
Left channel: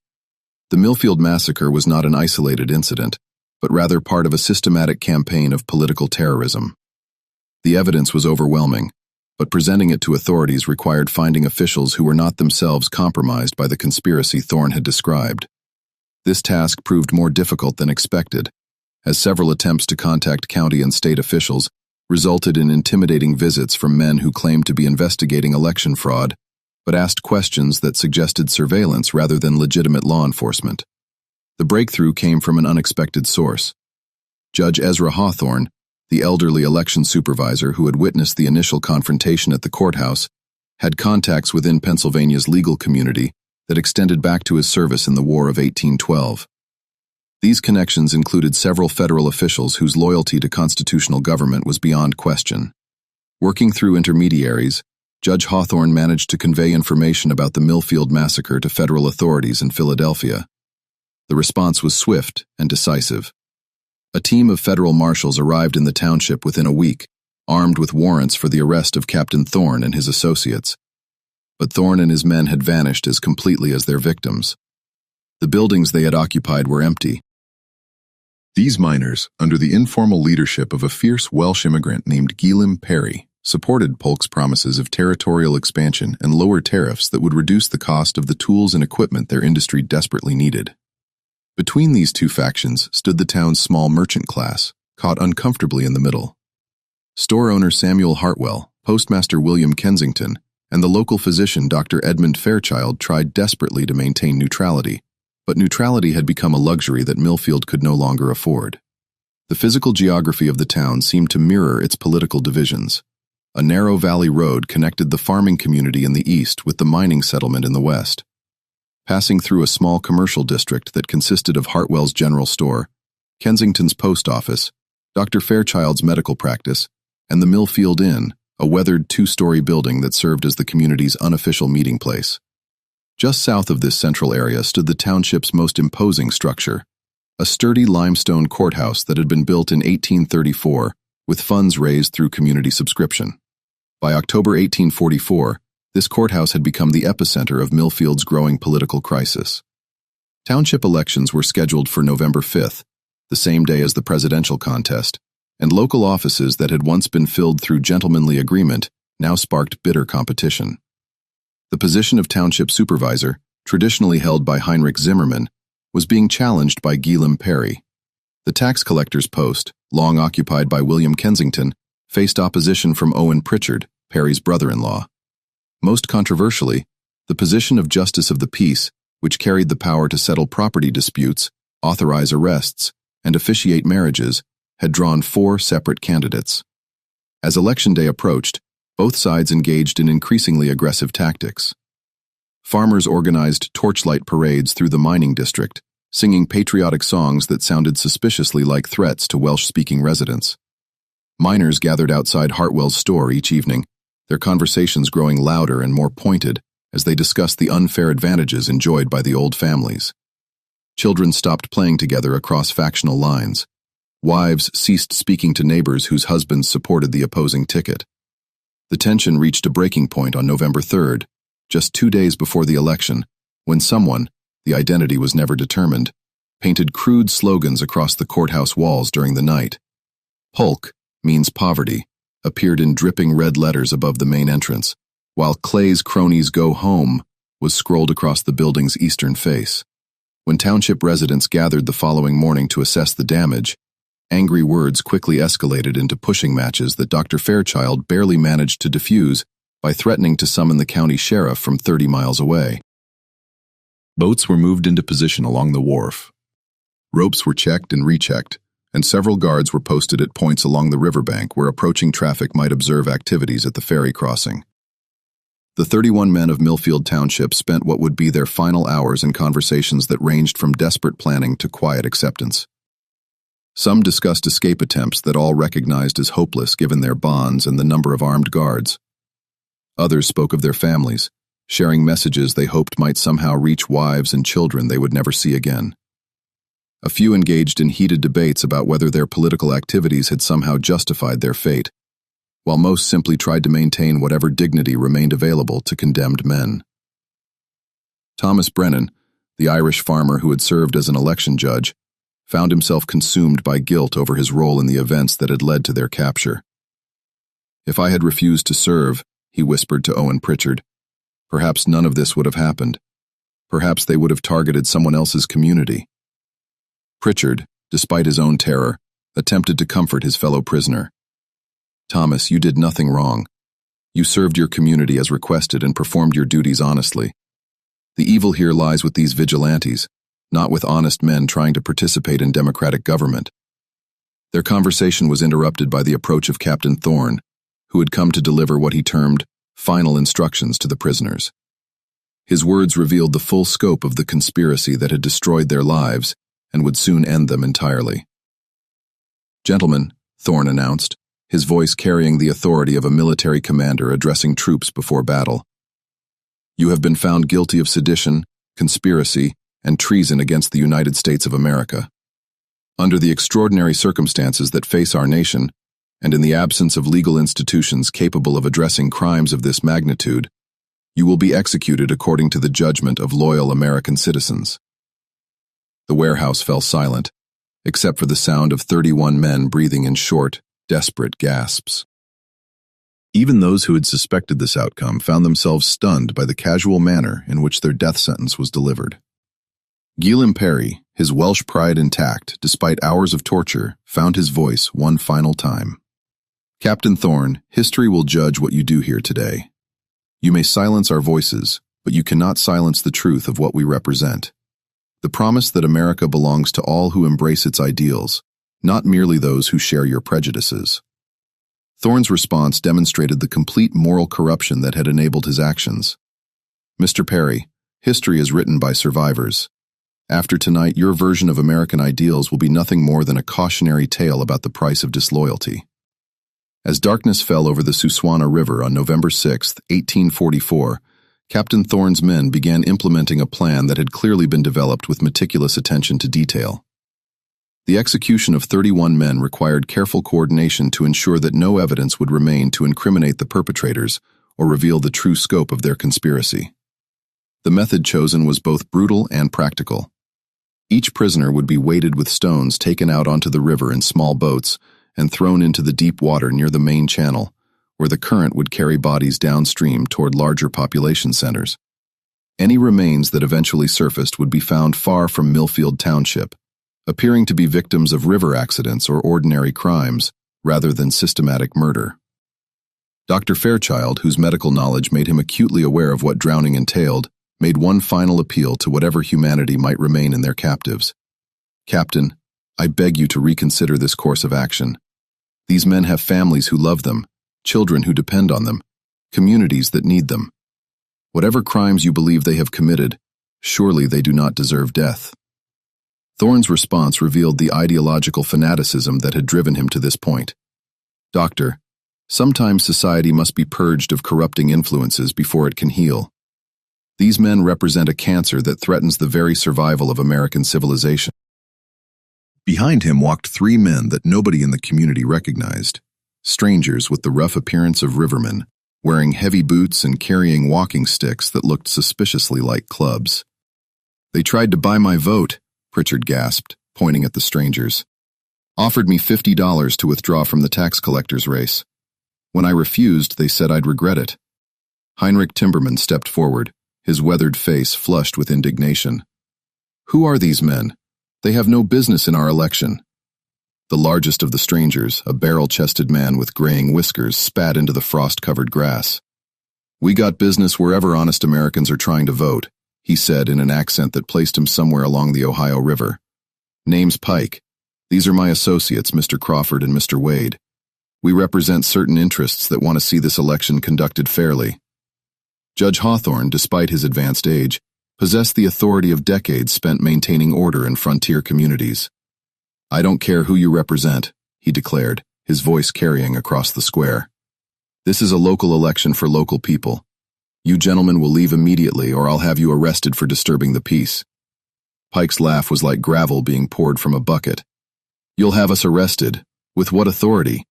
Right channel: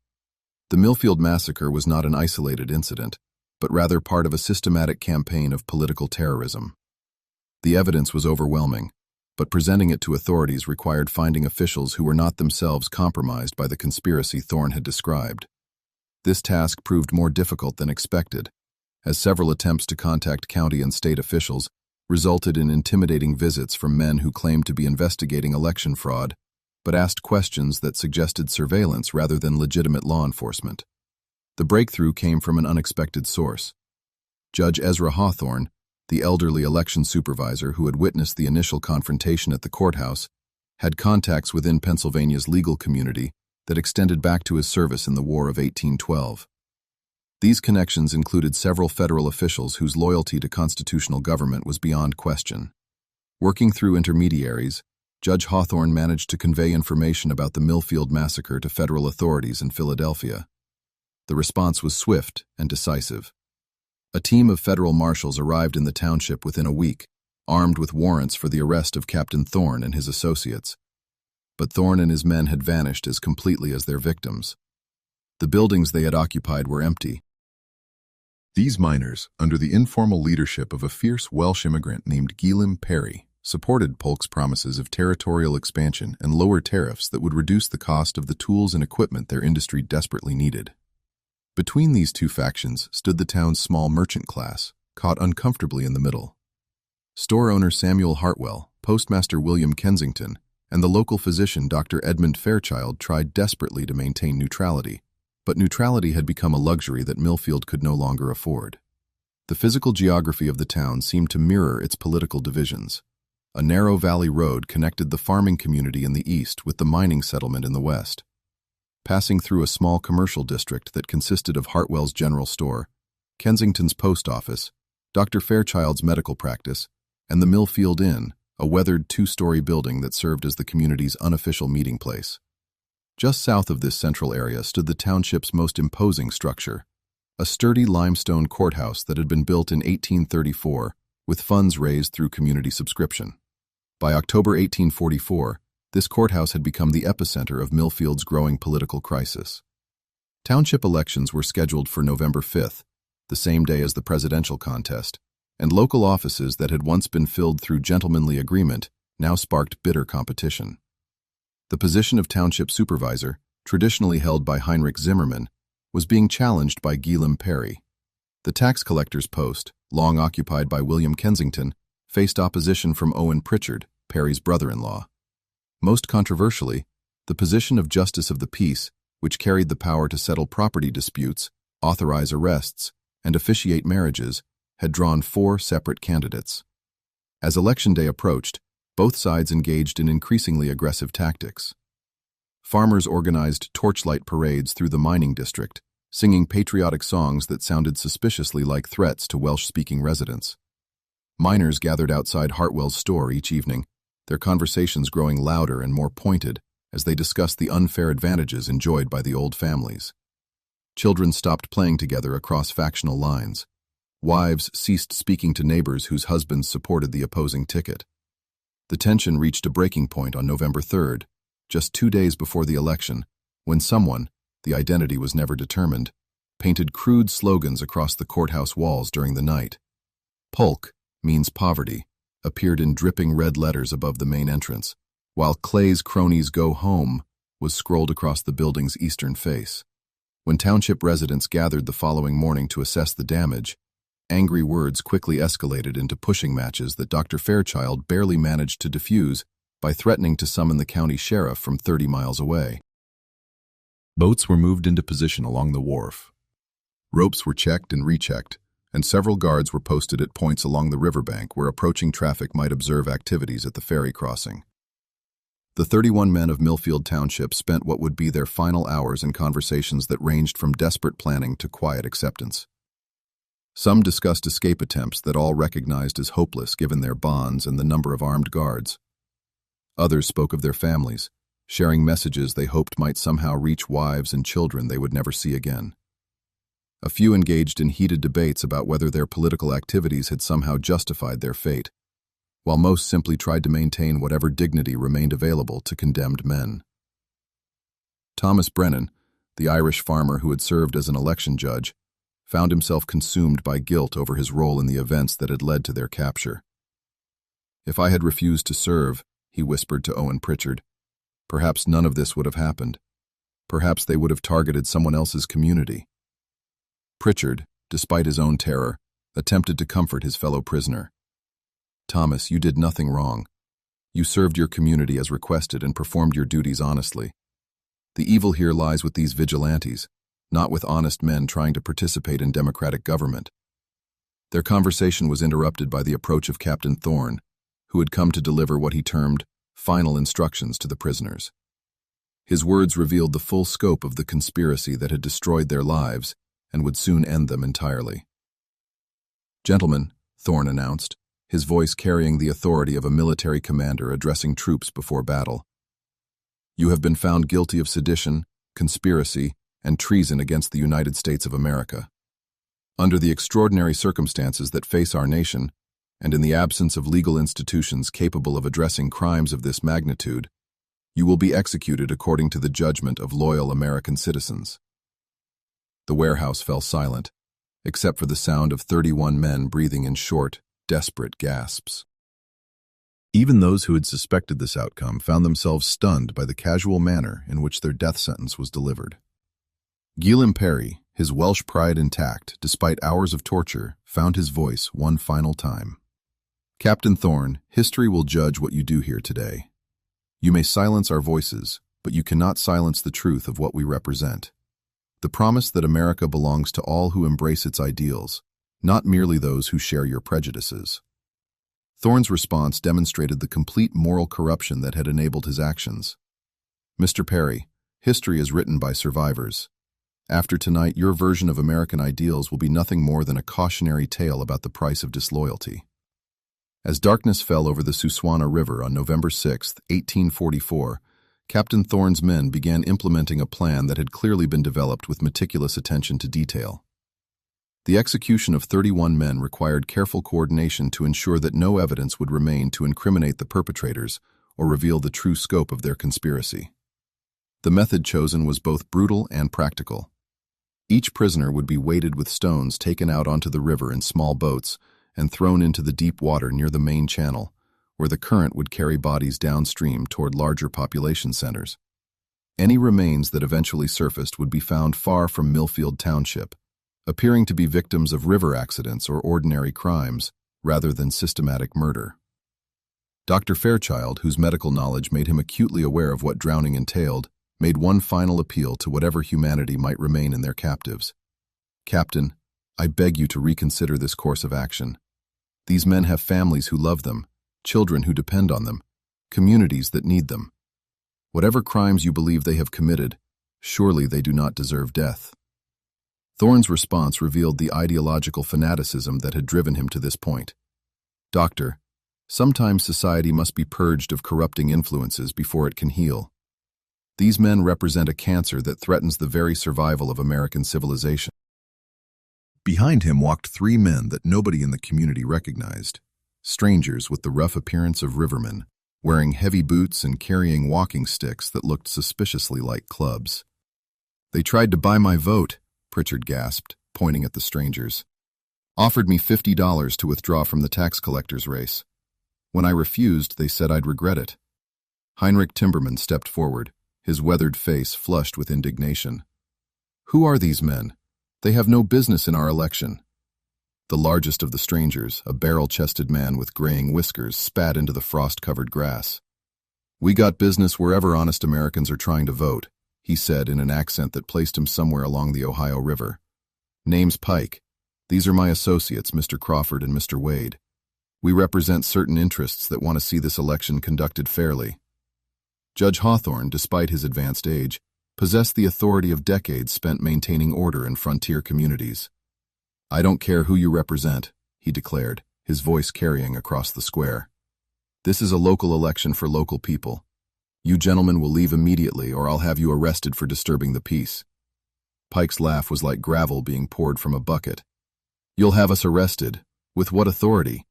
The Millfield Massacre was not an isolated incident, but rather part of a systematic campaign of political terrorism. The evidence was overwhelming, but presenting it to authorities required finding officials who were not themselves compromised by the conspiracy Thorne had described. This task proved more difficult than expected, as several attempts to contact county and state officials resulted in intimidating visits from men who claimed to be investigating election fraud, but asked questions that suggested surveillance rather than legitimate law enforcement. The breakthrough came from an unexpected source. Judge Ezra Hawthorne, the elderly election supervisor who had witnessed the initial confrontation at the courthouse, had contacts within Pennsylvania's legal community that extended back to his service in the War of 1812. These connections included several federal officials whose loyalty to constitutional government was beyond question. Working through intermediaries, Judge Hawthorne managed to convey information about the Millfield Massacre to federal authorities in Philadelphia. The response was swift and decisive. A team of federal marshals arrived in the township within a week, armed with warrants for the arrest of Captain Thorne and his associates. But Thorne and his men had vanished as completely as their victims. The buildings they had occupied were empty. These miners, under the informal leadership of a fierce Welsh immigrant named Guillem Perry, supported Polk's promises of territorial expansion and lower tariffs that would reduce the cost of the tools and equipment their industry desperately needed. Between these two factions stood the town's small merchant class, caught uncomfortably in the middle. Store owner Samuel Hartwell, postmaster William Kensington, and the local physician Dr. Edmund Fairchild tried desperately to maintain neutrality, but neutrality had become a luxury that Millfield could no longer afford. The physical geography of the town seemed to mirror its political divisions. A narrow valley road connected the farming community in the east with the mining settlement in the west. Passing through a small commercial district that consisted of Hartwell's general store, Kensington's post office, Dr. Fairchild's medical practice, and the Millfield Inn, a weathered two-story building that served as the community's unofficial meeting place. Just south of this central area stood the township's most imposing structure, a sturdy limestone courthouse that had been built in 1834 with funds raised through community subscription. By October 1844, this courthouse had become the epicenter of Millfield's growing political crisis. Township elections were scheduled for November 5th, the same day as the presidential contest, and local offices that had once been filled through gentlemanly agreement now sparked bitter competition. The position of township supervisor, traditionally held by Heinrich Zimmerman, was being challenged by Guillem Perry. The tax collector's post, long occupied by William Kensington, faced opposition from Owen Pritchard, Perry's brother-in-law. Most controversially, the position of Justice of the Peace, which carried the power to settle property disputes, authorize arrests, and officiate marriages, had drawn 4 separate candidates. As Election Day approached, both sides engaged in increasingly aggressive tactics. Farmers organized torchlight parades through the mining district, singing patriotic songs that sounded suspiciously like threats to Welsh-speaking residents. Miners gathered outside Hartwell's store each evening, their conversations growing louder and more pointed as they discussed the unfair advantages enjoyed by the old families. Children stopped playing together across factional lines. Wives ceased speaking to neighbors whose husbands supported the opposing ticket. The tension reached a breaking point on November 3rd, just 2 days before the election, when someone, the identity was never determined, painted crude slogans across the courthouse walls during the night. Polk means poverty appeared in dripping red letters above the main entrance, while Clay's cronies go home was scrolled across the building's eastern face. When township residents gathered the following morning to assess the damage, angry words quickly escalated into pushing matches that Dr. Fairchild barely managed to diffuse by threatening to summon the county sheriff from 30 miles away. Boats were moved into position along the wharf. Ropes were checked and rechecked, and several guards were posted at points along the riverbank where approaching traffic might observe activities at the ferry crossing. The 31 men of Millfield Township spent what would be their final hours in conversations that ranged from desperate planning to quiet acceptance. Some discussed escape attempts that all recognized as hopeless given their bonds and the number of armed guards. Others spoke of their families, sharing messages they hoped might somehow reach wives and children they would never see again. A few engaged in heated debates about whether their political activities had somehow justified their fate, while most simply tried to maintain whatever dignity remained available to condemned men. Thomas Brennan, the Irish farmer who had served as an election judge, found himself consumed by guilt over his role in the events that had led to their capture. "If I had refused to serve," he whispered to Owen Pritchard, "perhaps none of this would have happened. Perhaps they would have targeted someone else's community." Pritchard, despite his own terror, attempted to comfort his fellow prisoner. "Thomas, you did nothing wrong. You served your community as requested and performed your duties honestly. The evil here lies with these vigilantes, not with honest men trying to participate in democratic government." Their conversation was interrupted by the approach of Captain Thorne, who had come to deliver what he termed final instructions to the prisoners. His words revealed the full scope of the conspiracy that had destroyed their lives and would soon end them entirely. "Gentlemen," Thorne announced, his voice carrying the authority of a military commander addressing troops before battle, "you have been found guilty of sedition, conspiracy, and treason against the United States of America. Under the extraordinary circumstances that face our nation, and in the absence of legal institutions capable of addressing crimes of this magnitude, you will be executed according to the judgment of loyal American citizens." The warehouse fell silent, except for the sound of 31 men breathing in short, desperate gasps. Even those who had suspected this outcome found themselves stunned by the casual manner in which their death sentence was delivered. Guillaume Perry, his Welsh pride intact despite hours of torture, found his voice one final time. "Captain Thorne, history will judge what you do here today. You may silence our voices, but you cannot silence the truth of what we represent. The promise that America belongs to all who embrace its ideals, not merely those who share your prejudices." Thorne's response demonstrated the complete moral corruption that had enabled his actions. "Mr. Perry, history is written by survivors. After tonight, your version of American ideals will be nothing more than a cautionary tale about the price of disloyalty." As darkness fell over the Susquehanna River on November 6, 1844, Captain Thorne's men began implementing a plan that had clearly been developed with meticulous attention to detail. The execution of 31 men required careful coordination to ensure that no evidence would remain to incriminate the perpetrators or reveal the true scope of their conspiracy. The method chosen was both brutal and practical. Each prisoner would be weighted with stones taken out onto the river in small boats and thrown into the deep water near the main channel, where the current would carry bodies downstream toward larger population centers. Any remains that eventually surfaced would be found far from Millfield Township, appearing to be victims of river accidents or ordinary crimes rather than systematic murder. Dr. Fairchild, whose medical knowledge made him acutely aware of what drowning entailed, made one final appeal to whatever humanity might remain in their captives. "Captain, I beg you to reconsider this course of action. These men have families who love them, children who depend on them, communities that need them. Whatever crimes you believe they have committed, surely they do not deserve death." Thorne's response revealed the ideological fanaticism that had driven him to this point. "Doctor, sometimes society must be purged of corrupting influences before it can heal. These men represent a cancer that threatens the very survival of American civilization." Behind him walked 3 men that nobody in the community recognized, strangers with the rough appearance of rivermen, wearing heavy boots and carrying walking sticks that looked suspiciously like clubs. "They tried to buy my vote," Pritchard gasped, pointing at the strangers. "Offered me $50 to withdraw from the tax collector's race. When I refused, they said I'd regret it." Heinrich Timberman stepped forward, his weathered face flushed with indignation. "Who are these men? They have no business in our election." The largest of the strangers, a barrel-chested man with graying whiskers, spat into the frost-covered grass. "We got business wherever honest Americans are trying to vote," he said in an accent that placed him somewhere along the Ohio River. "Name's Pike. These are my associates, Mr. Crawford and Mr. Wade. We represent certain interests that want to see this election conducted fairly." Judge Hawthorne, despite his advanced age, possessed the authority of decades spent maintaining order in frontier communities. "I don't care who you represent," he declared, his voice carrying across the square. "This is a local election for local people. You gentlemen will leave immediately, or I'll have you arrested for disturbing the peace." Pike's laugh was like gravel being poured from a bucket. "You'll have us arrested? With what authority?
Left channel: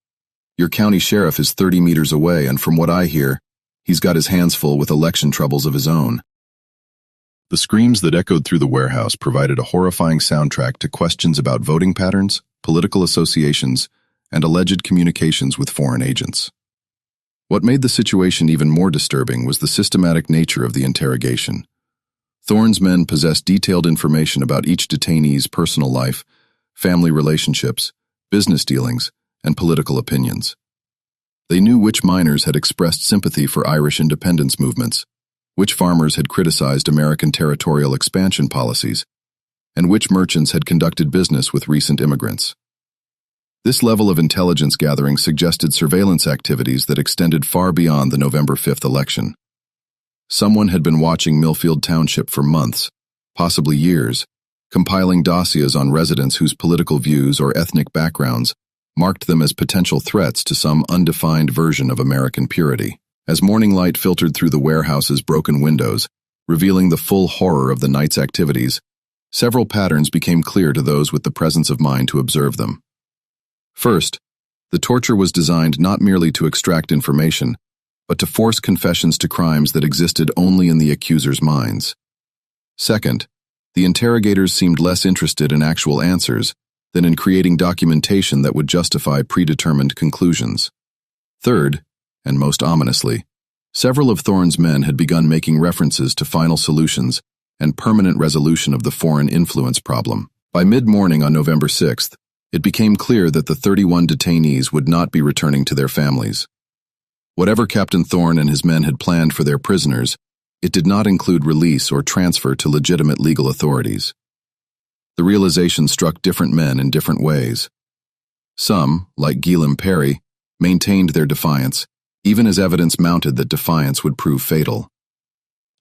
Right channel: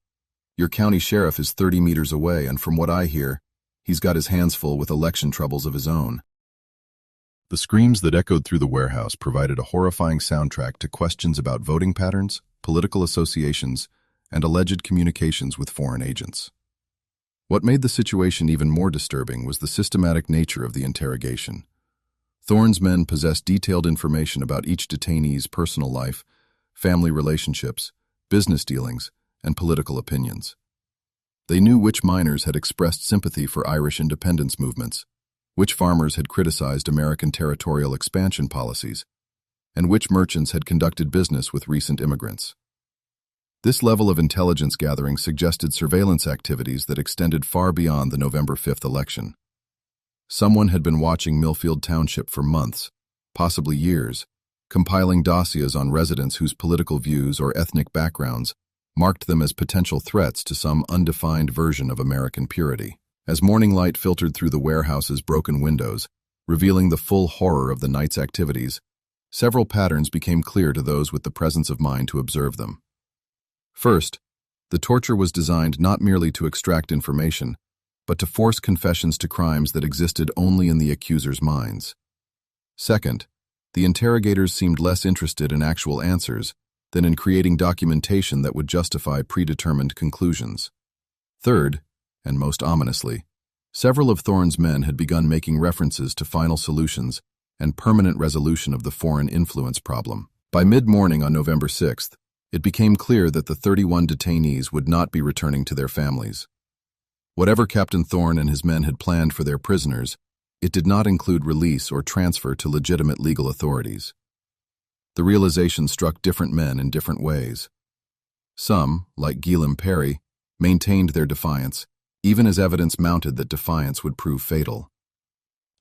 Your county sheriff is 30 meters away, and from what I hear, he's got his hands full with election troubles of his own." The screams that echoed through the warehouse provided a horrifying soundtrack to questions about voting patterns, political associations, and alleged communications with foreign agents. What made the situation even more disturbing was the systematic nature of the interrogation. Thorne's men possessed detailed information about each detainee's personal life, family relationships, business dealings, and political opinions. They knew which miners had expressed sympathy for Irish independence movements, which farmers had criticized American territorial expansion policies, and which merchants had conducted business with recent immigrants. This level of intelligence gathering suggested surveillance activities that extended far beyond the November 5th election. Someone had been watching Millfield Township for months, possibly years, compiling dossiers on residents whose political views or ethnic backgrounds marked them as potential threats to some undefined version of American purity. As morning light filtered through the warehouse's broken windows, revealing the full horror of the night's activities, several patterns became clear to those with the presence of mind to observe them. First, the torture was designed not merely to extract information, but to force confessions to crimes that existed only in the accusers' minds. Second, the interrogators seemed less interested in actual answers than in creating documentation that would justify predetermined conclusions. Third, and most ominously, several of Thorne's men had begun making references to final solutions and permanent resolution of the foreign influence problem. By mid-morning on November 6th, it became clear that the 31 detainees would not be returning to their families. Whatever Captain Thorne and his men had planned for their prisoners, it did not include release or transfer to legitimate legal authorities. The realization struck different men in different ways. Some, like Gilliam Perry, maintained their defiance, even as evidence mounted that defiance would prove fatal.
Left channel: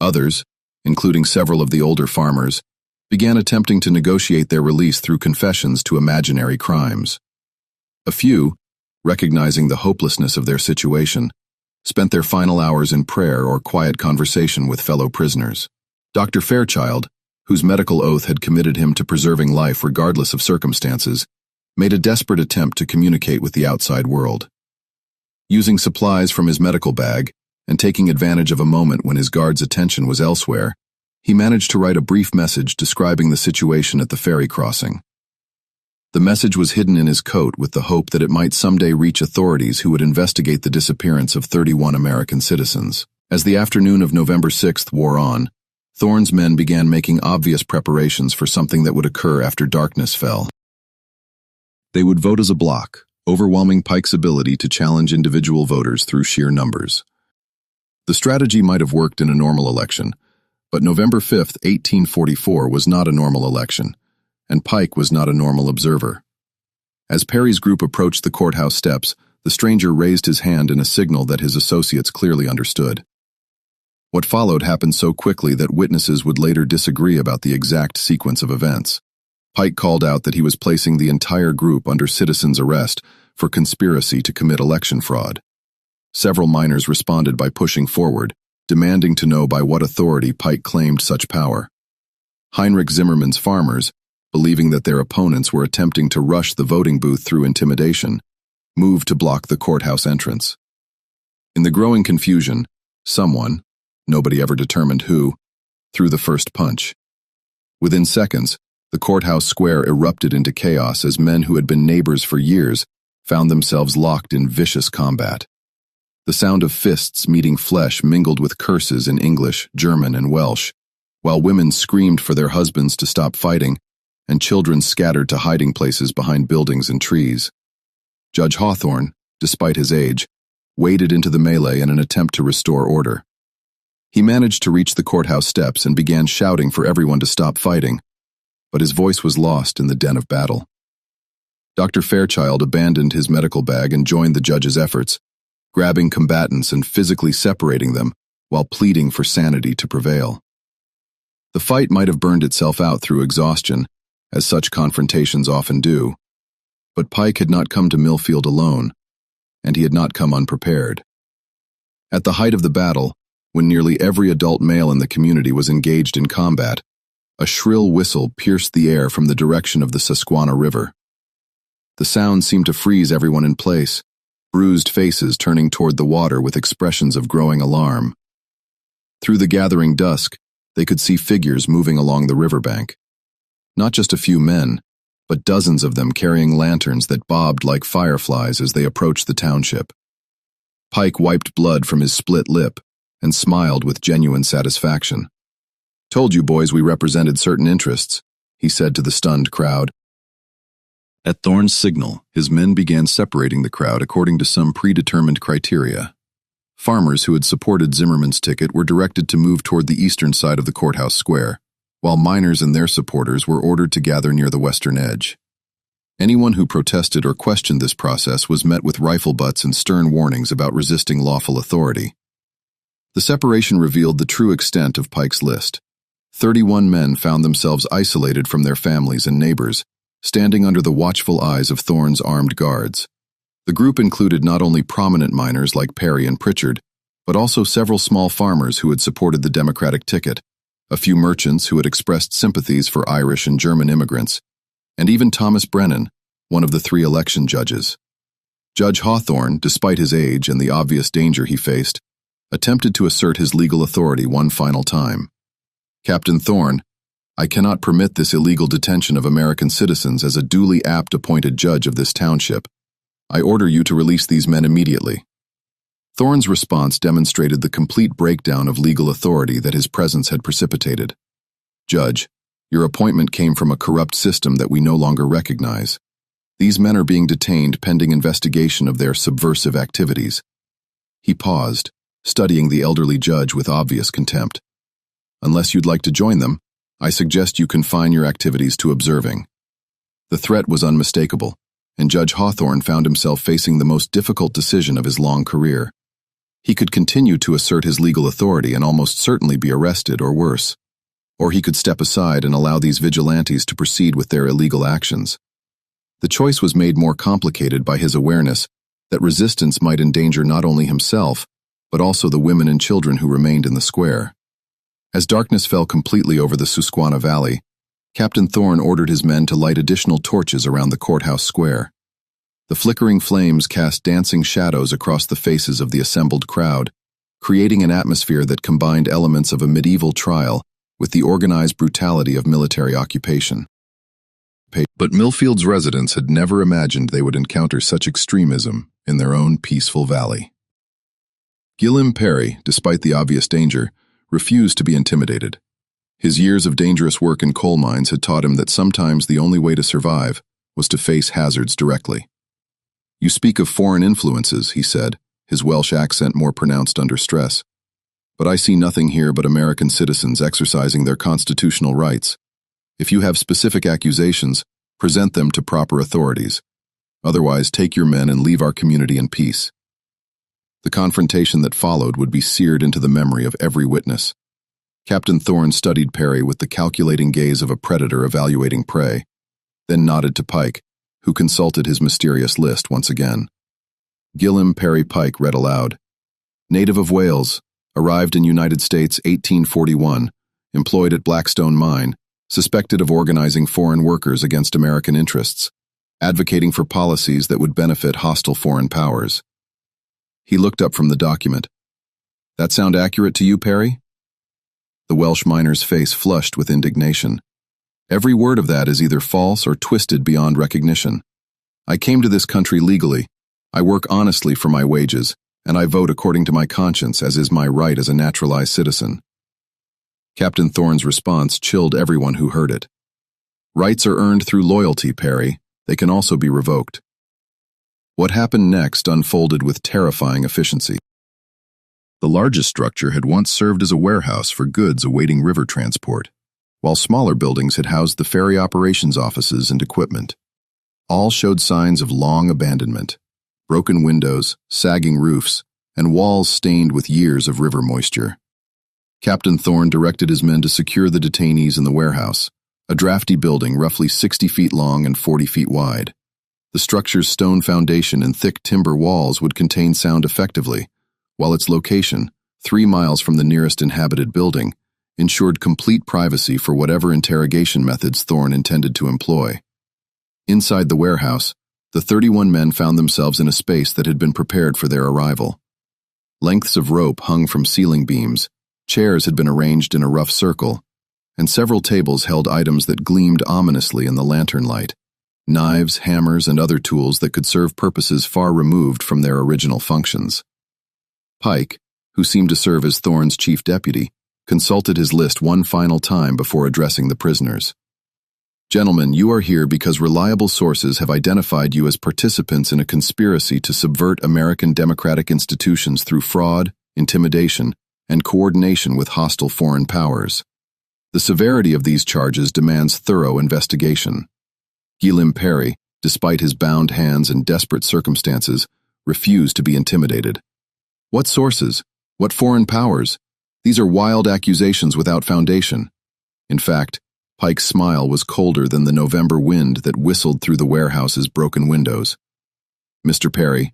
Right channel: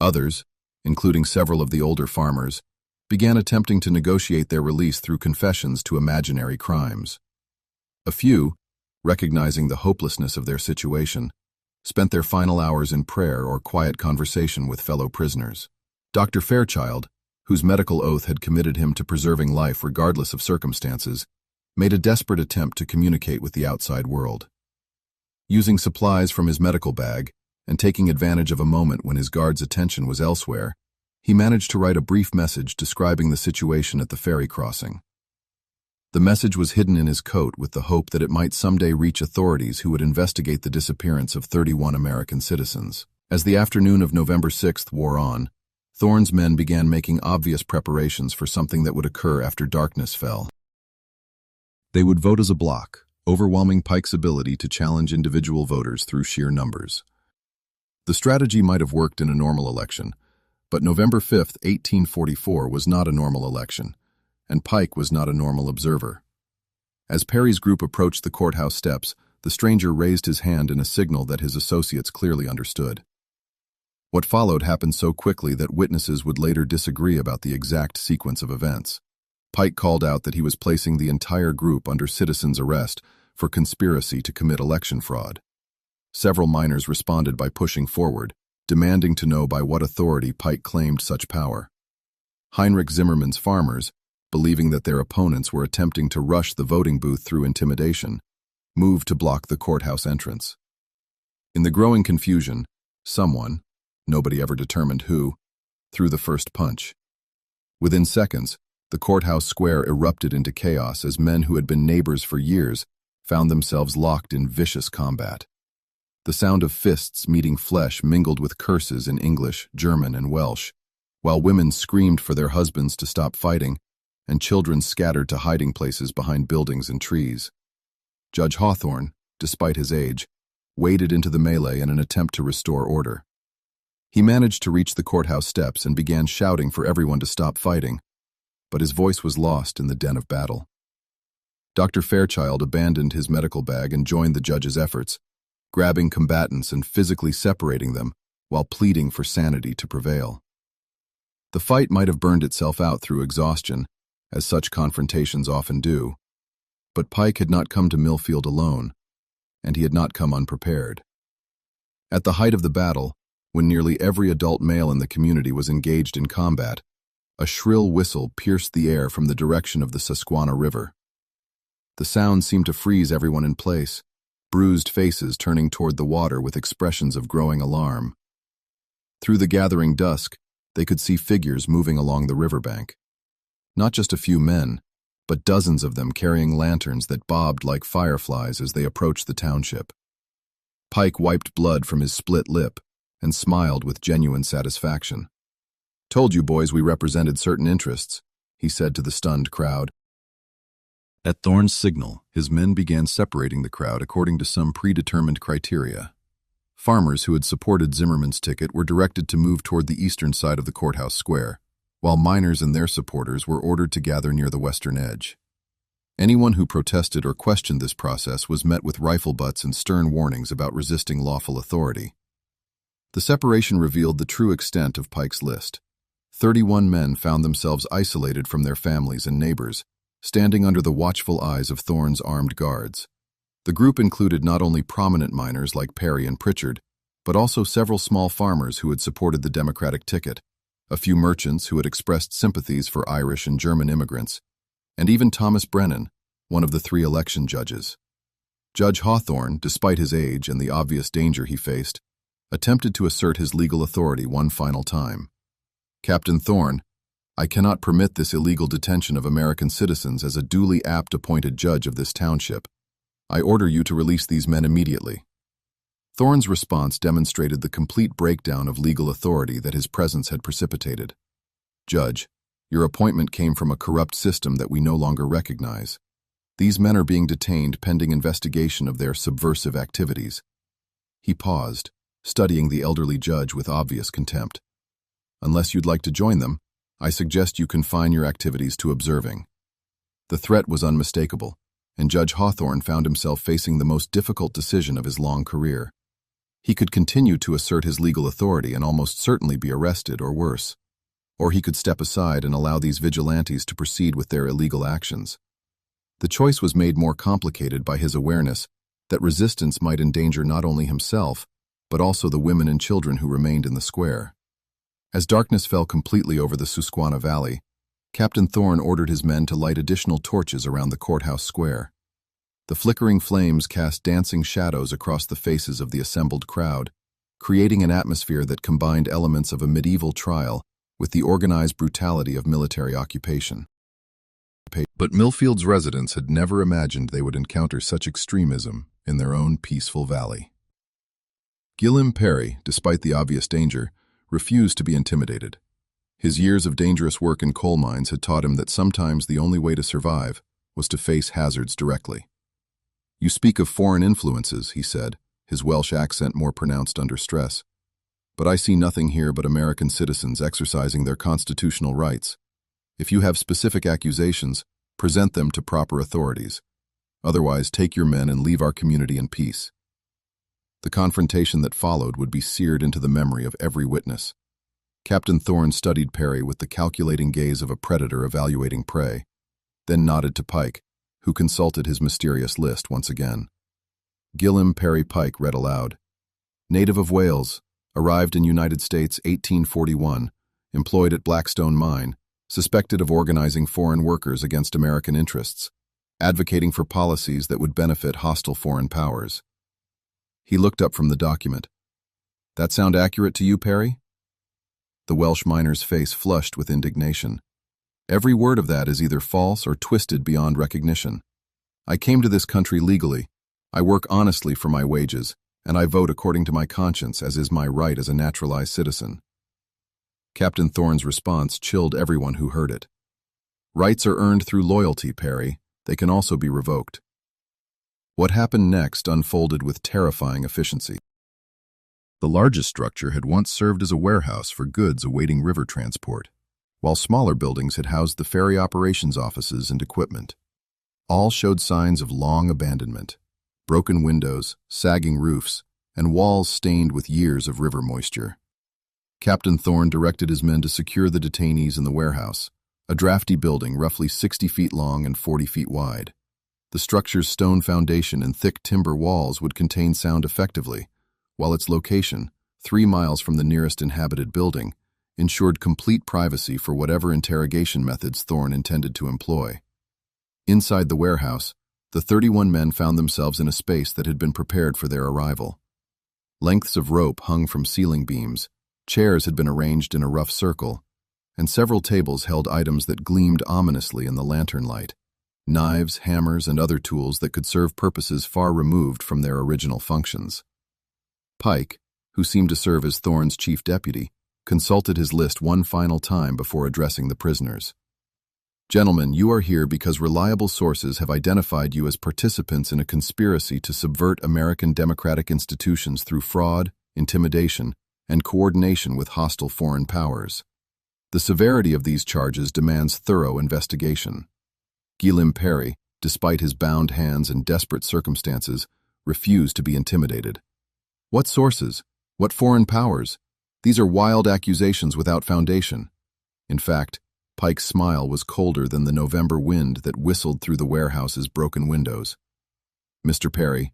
Others, including several of the older farmers, began attempting to negotiate their release through confessions to imaginary crimes. A few, recognizing the hopelessness of their situation, spent their final hours in prayer or quiet conversation with fellow prisoners. Dr. Fairchild, whose medical oath had committed him to preserving life regardless of circumstances, made a desperate attempt to communicate with the outside world. Using supplies from his medical bag, and taking advantage of a moment when his guard's attention was elsewhere, he managed to write a brief message describing the situation at the ferry crossing. The message was hidden in his coat with the hope that it might someday reach authorities who would investigate the disappearance of 31 American citizens. As the afternoon of November 6th wore on, Thorne's men began making obvious preparations for something that would occur after darkness fell. They would vote as a bloc, overwhelming Pike's ability to challenge individual voters through sheer numbers. The strategy might have worked in a normal election, but November 5th, 1844 was not a normal election, and Pike was not a normal observer. As Perry's group approached the courthouse steps, the stranger raised his hand in a signal that his associates clearly understood. What followed happened so quickly that witnesses would later disagree about the exact sequence of events. Pike called out that he was placing the entire group under citizen's arrest for conspiracy to commit election fraud. Several miners responded by pushing forward, demanding to know by what authority Pike claimed such power. Heinrich Zimmerman's farmers, believing that their opponents were attempting to rush the voting booth through intimidation, moved to block the courthouse entrance. In the growing confusion, someone, nobody ever determined who, threw the first punch. Within seconds, the courthouse square erupted into chaos as men who had been neighbors for years found themselves locked in vicious combat. The sound of fists meeting flesh mingled with curses in English, German, and Welsh, while women screamed for their husbands to stop fighting, and children scattered to hiding places behind buildings and trees. Judge Hawthorne, despite his age, waded into the melee in an attempt to restore order. He managed to reach the courthouse steps and began shouting for everyone to stop fighting, but his voice was lost in the din of battle. Dr. Fairchild abandoned his medical bag and joined the judge's efforts, grabbing combatants and physically separating them while pleading for sanity to prevail. The fight might have burned itself out through exhaustion, as such confrontations often do, but Pike had not come to Millfield alone, and he had not come unprepared. At the height of the battle, when nearly every adult male in the community was engaged in combat, a shrill whistle pierced the air from the direction of the Susquehanna River. The sound seemed to freeze everyone in place, bruised faces turning toward the water with expressions of growing alarm. Through the gathering dusk, they could see figures moving along the riverbank. Not just a few men, but dozens of them carrying lanterns that bobbed like fireflies as they approached the township. Pike wiped blood from his split lip and smiled with genuine satisfaction. "Told you boys we represented certain interests," he said to the stunned crowd. At Thorne's signal, his men began separating the crowd according to some predetermined criteria. Farmers who had supported Zimmerman's ticket were directed to move toward the eastern side of the courthouse square, while miners and their supporters were ordered to gather near the western edge. Anyone who protested or questioned this process was met with rifle butts and stern warnings about resisting lawful authority. The separation revealed the true extent of Pike's list. 31 men found themselves isolated from their families and neighbors, standing under the watchful eyes of Thorne's armed guards. The group included not only prominent miners like Perry and Pritchard, but also several small farmers who had supported the Democratic ticket, a few merchants who had expressed sympathies for Irish and German immigrants, and even Thomas Brennan, one of the 3 election judges. Judge Hawthorne, despite his age and the obvious danger he faced, attempted to assert his legal authority one final time. "Captain Thorne, I cannot permit this illegal detention of American citizens as a duly appointed judge of this township. I order you to release these men immediately." Thorne's response demonstrated the complete breakdown of legal authority that his presence had precipitated. "Judge, your appointment came from a corrupt system that we no longer recognize. These men are being detained pending investigation of their subversive activities." He paused, studying the elderly judge with obvious contempt. "Unless you'd like to join them, I suggest you confine your activities to observing." The threat was unmistakable, and Judge Hawthorne found himself facing the most difficult decision of his long career. He could continue to assert his legal authority and almost certainly be arrested or worse. Or he could step aside and allow these vigilantes to proceed with their illegal actions. The choice was made more complicated by his awareness that resistance might endanger not only himself, but also the women and children who remained in the square. As darkness fell completely over the Susquehanna Valley, Captain Thorne ordered his men to light additional torches around the courthouse square. The flickering flames cast dancing shadows across the faces of the assembled crowd, creating an atmosphere that combined elements of a medieval trial with the organized brutality of military occupation. But Millfield's residents had never imagined they would encounter such extremism in their own peaceful valley. Gilliam Perry, despite the obvious danger, refused to be intimidated. His years of dangerous work in coal mines had taught him that sometimes the only way to survive was to face hazards directly. "You speak of foreign influences," he said, his Welsh accent more pronounced under stress. "But I see nothing here but American citizens exercising their constitutional rights. If you have specific accusations, present them to proper authorities. Otherwise, take your men and leave our community in peace." The confrontation that followed would be seared into the memory of every witness. Captain Thorne studied Perry with the calculating gaze of a predator evaluating prey, then nodded to Pike, who consulted his mysterious list once again. Gilliam Perry Pike read aloud. "Native of Wales, arrived in United States 1841, employed at Blackstone Mine, suspected of organizing foreign workers against American interests, advocating for policies that would benefit hostile foreign powers." He looked up from the document. "That sound accurate to you, Perry?" The Welsh miner's face flushed with indignation. "Every word of that is either false or twisted beyond recognition. I came to this country legally. I work honestly for my wages, and I vote according to my conscience, as is my right as a naturalized citizen." Captain Thorne's response chilled everyone who heard it. "Rights are earned through loyalty, Perry. They can also be revoked." What happened next unfolded with terrifying efficiency. The largest structure had once served as a warehouse for goods awaiting river transport, while smaller buildings had housed the ferry operations offices and equipment. All showed signs of long abandonment: broken windows, sagging roofs, and walls stained with years of river moisture. Captain Thorne directed his men to secure the detainees in the warehouse, a drafty building roughly 60 feet long and 40 feet wide. The structure's stone foundation and thick timber walls would contain sound effectively, while its location, 3 miles from the nearest inhabited building, ensured complete privacy for whatever interrogation methods Thorne intended to employ. Inside the warehouse, the 31 men found themselves in a space that had been prepared for their arrival. Lengths of rope hung from ceiling beams, chairs had been arranged in a rough circle, and several tables held items that gleamed ominously in the lantern light: knives, hammers, and other tools that could serve purposes far removed from their original functions. Pike, who seemed to serve as Thorne's chief deputy, consulted his list one final time before addressing the prisoners. "Gentlemen, you are here because reliable sources have identified you as participants in a conspiracy to subvert American democratic institutions through fraud, intimidation, and coordination with hostile foreign powers. The severity of these charges demands thorough investigation." Guillaume Perry, despite his bound hands and desperate circumstances, refused to be intimidated. "What sources? What foreign powers? These are wild accusations without foundation." In fact, Pike's smile was colder than the November wind that whistled through the warehouse's broken windows. "Mr. Perry,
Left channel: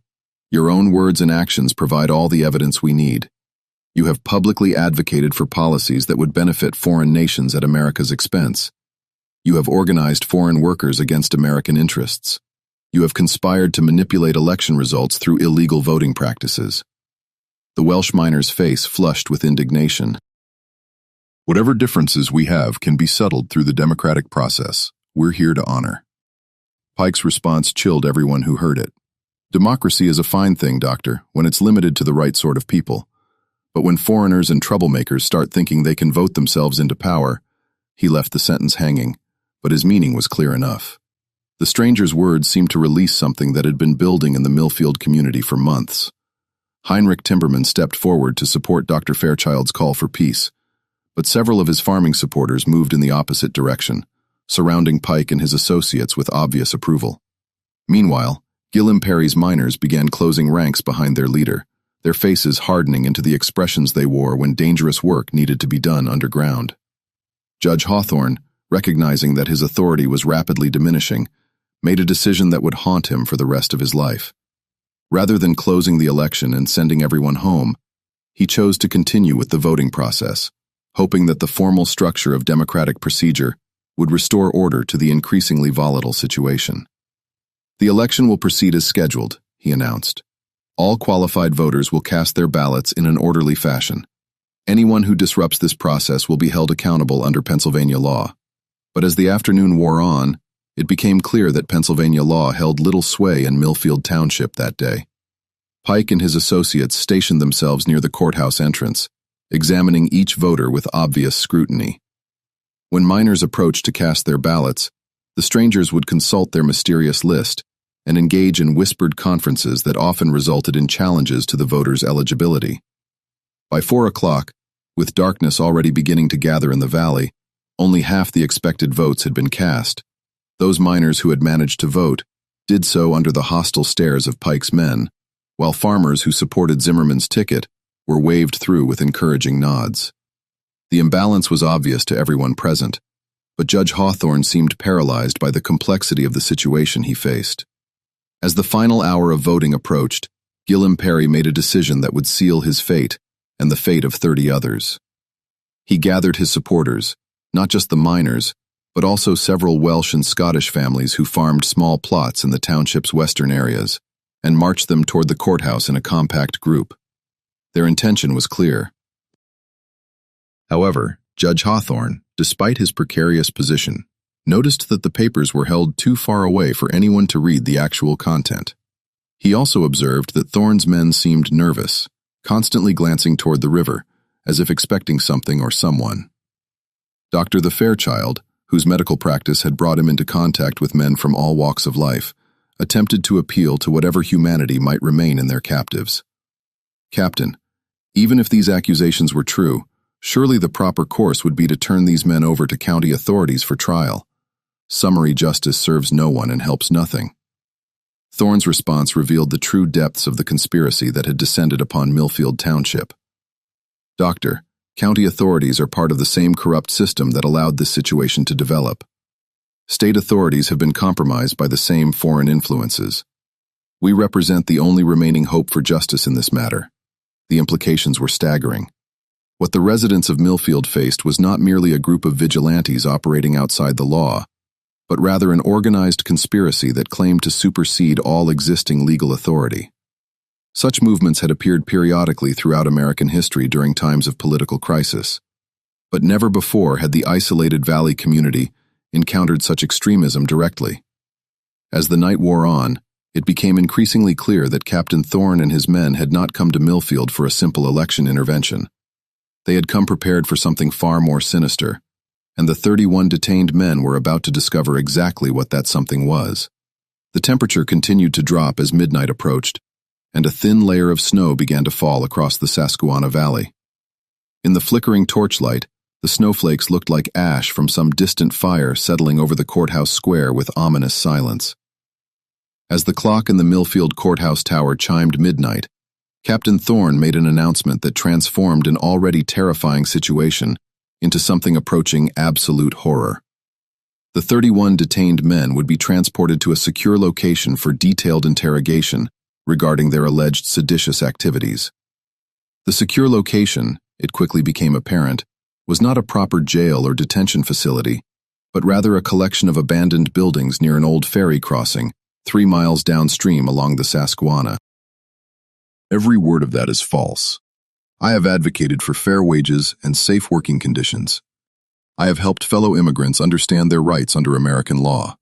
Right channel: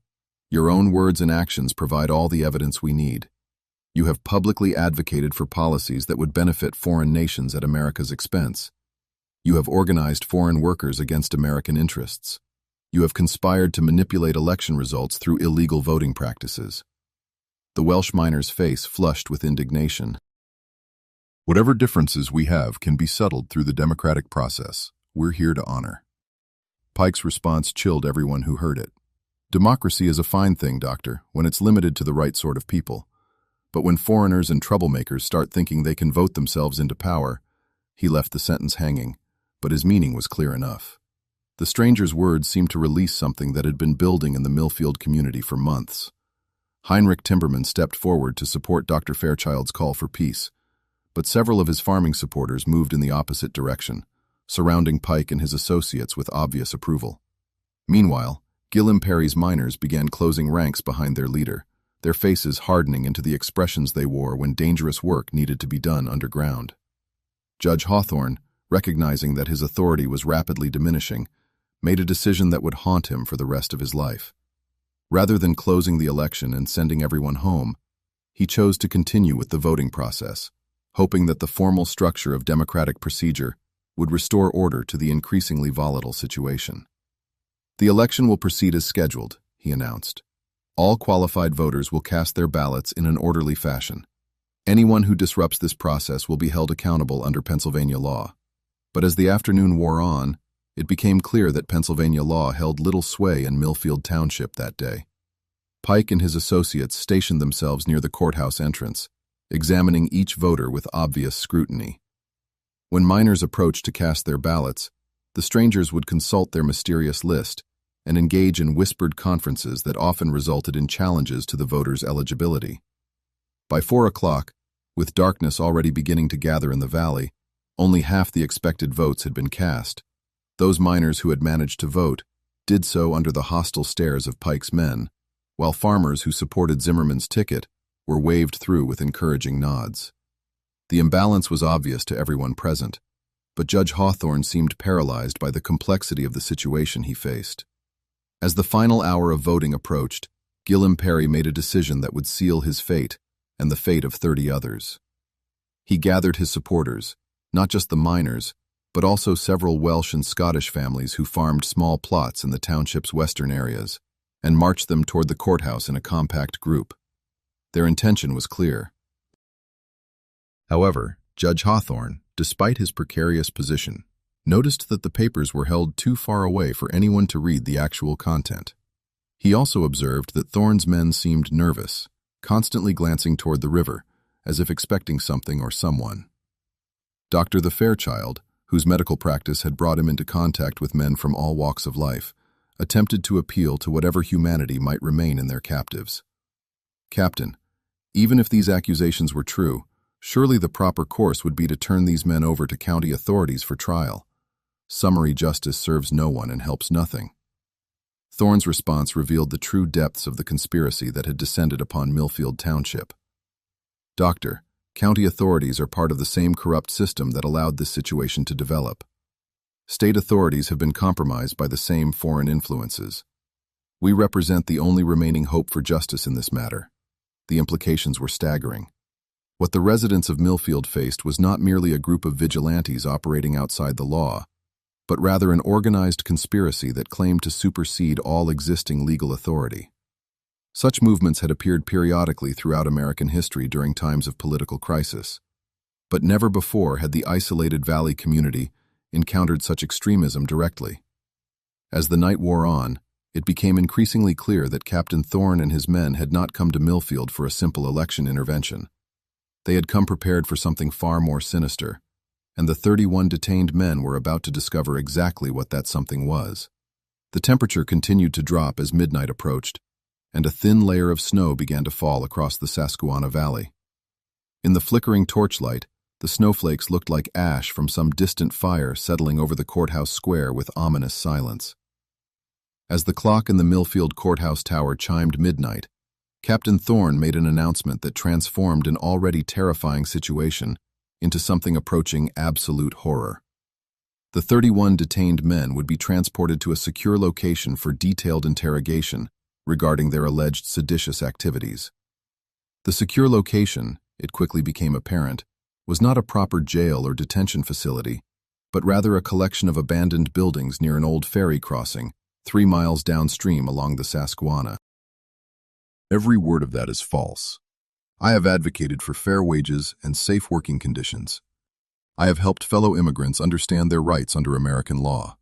your own words and actions provide all the evidence we need. You have publicly advocated for policies that would benefit foreign nations at America's expense. You have organized foreign workers against American interests. You have conspired to manipulate election results through illegal voting practices." The Welsh miner's face flushed with indignation. "Whatever differences we have can be settled through the democratic process. We're here to honor." Pike's response chilled everyone who heard it. "Democracy is a fine thing, Doctor, when it's limited to the right sort of people. But when foreigners and troublemakers start thinking they can vote themselves into power—" He left the sentence hanging, but his meaning was clear enough. The stranger's words seemed to release something that had been building in the Millfield community for months. Heinrich Timberman stepped forward to support Dr. Fairchild's call for peace, but several of his farming supporters moved in the opposite direction, surrounding Pike and his associates with obvious approval. Meanwhile, Guillaume Perry's miners began closing ranks behind their leader, their faces hardening into the expressions they wore when dangerous work needed to be done underground. Judge Hawthorne, recognizing that his authority was rapidly diminishing, made a decision that would haunt him for the rest of his life. Rather than closing the election and sending everyone home, he chose to continue with the voting process, hoping that the formal structure of democratic procedure would restore order to the increasingly volatile situation. "The election will proceed as scheduled," he announced. "All qualified voters will cast their ballots in an orderly fashion. Anyone who disrupts this process will be held accountable under Pennsylvania law." But as the afternoon wore on, it became clear that Pennsylvania law held little sway in Millfield Township that day. Pike and his associates stationed themselves near the courthouse entrance, examining each voter with obvious scrutiny. When miners approached to cast their ballots, the strangers would consult their mysterious list and engage in whispered conferences that often resulted in challenges to the voters' eligibility. By 4 o'clock, with darkness already beginning to gather in the valley, only half the expected votes had been cast. Those miners who had managed to vote did so under the hostile stares of Pike's men, while farmers who supported Zimmerman's ticket were waved through with encouraging nods. The imbalance was obvious to everyone present, but Judge Hawthorne seemed paralyzed by the complexity of the situation he faced. As the final hour of voting approached, Guillaume Perry made a decision that would seal his fate and the fate of 30 others. He gathered his supporters, not just the miners, but also several Welsh and Scottish families who farmed small plots in the township's western areas, and marched them toward the courthouse in a compact group. Their intention was clear. However, Judge Hawthorne, despite his precarious position, noticed that the papers were held too far away for anyone to read the actual content. He also observed that Thorne's men seemed nervous, constantly glancing toward the river, as if expecting something or someone. Dr. the Fairchild, whose medical practice had brought him into contact with men from all walks of life, attempted to appeal to whatever humanity might remain in their captives. "Captain, Even if these accusations were true, surely the proper course would be to turn these men over to county authorities for trial. Summary justice serves no one and helps nothing. Thorne's response revealed the true depths of the conspiracy that had descended upon Millfield Township. Doctor, county authorities are part of the same corrupt system that allowed this situation to develop. State authorities have been compromised by the same foreign influences. We represent the only remaining hope for justice in this matter. The implications were staggering. What the residents of Millfield faced was not merely a group of vigilantes operating outside the law, but rather an organized conspiracy that claimed to supersede all existing legal authority. Such movements had appeared periodically throughout American history during times of political crisis, but never before had the isolated valley community encountered such extremism directly. As the night wore on, it became increasingly clear that Captain Thorne and his men had not come to Millfield for a simple election intervention. They had come prepared for something far more sinister, and the 31 detained men were about to discover exactly what that something was. The temperature continued to drop as midnight approached, and a thin layer of snow began to fall across the Susquehanna Valley. In the flickering torchlight, the snowflakes looked like ash from some distant fire settling over the courthouse square with ominous silence. As the clock in the Millfield courthouse tower chimed midnight, Captain Thorne made an announcement that transformed an already terrifying situation into something approaching absolute horror. The 31 detained men would be transported to a secure location for detailed interrogation regarding their alleged seditious activities. The secure location, it quickly became apparent, was not a proper jail or detention facility, but rather a collection of abandoned buildings near an old ferry crossing 3 miles downstream along the Susquehanna. Every word of that is false. I have advocated for fair wages and safe working conditions. I have helped fellow immigrants understand their rights under American law.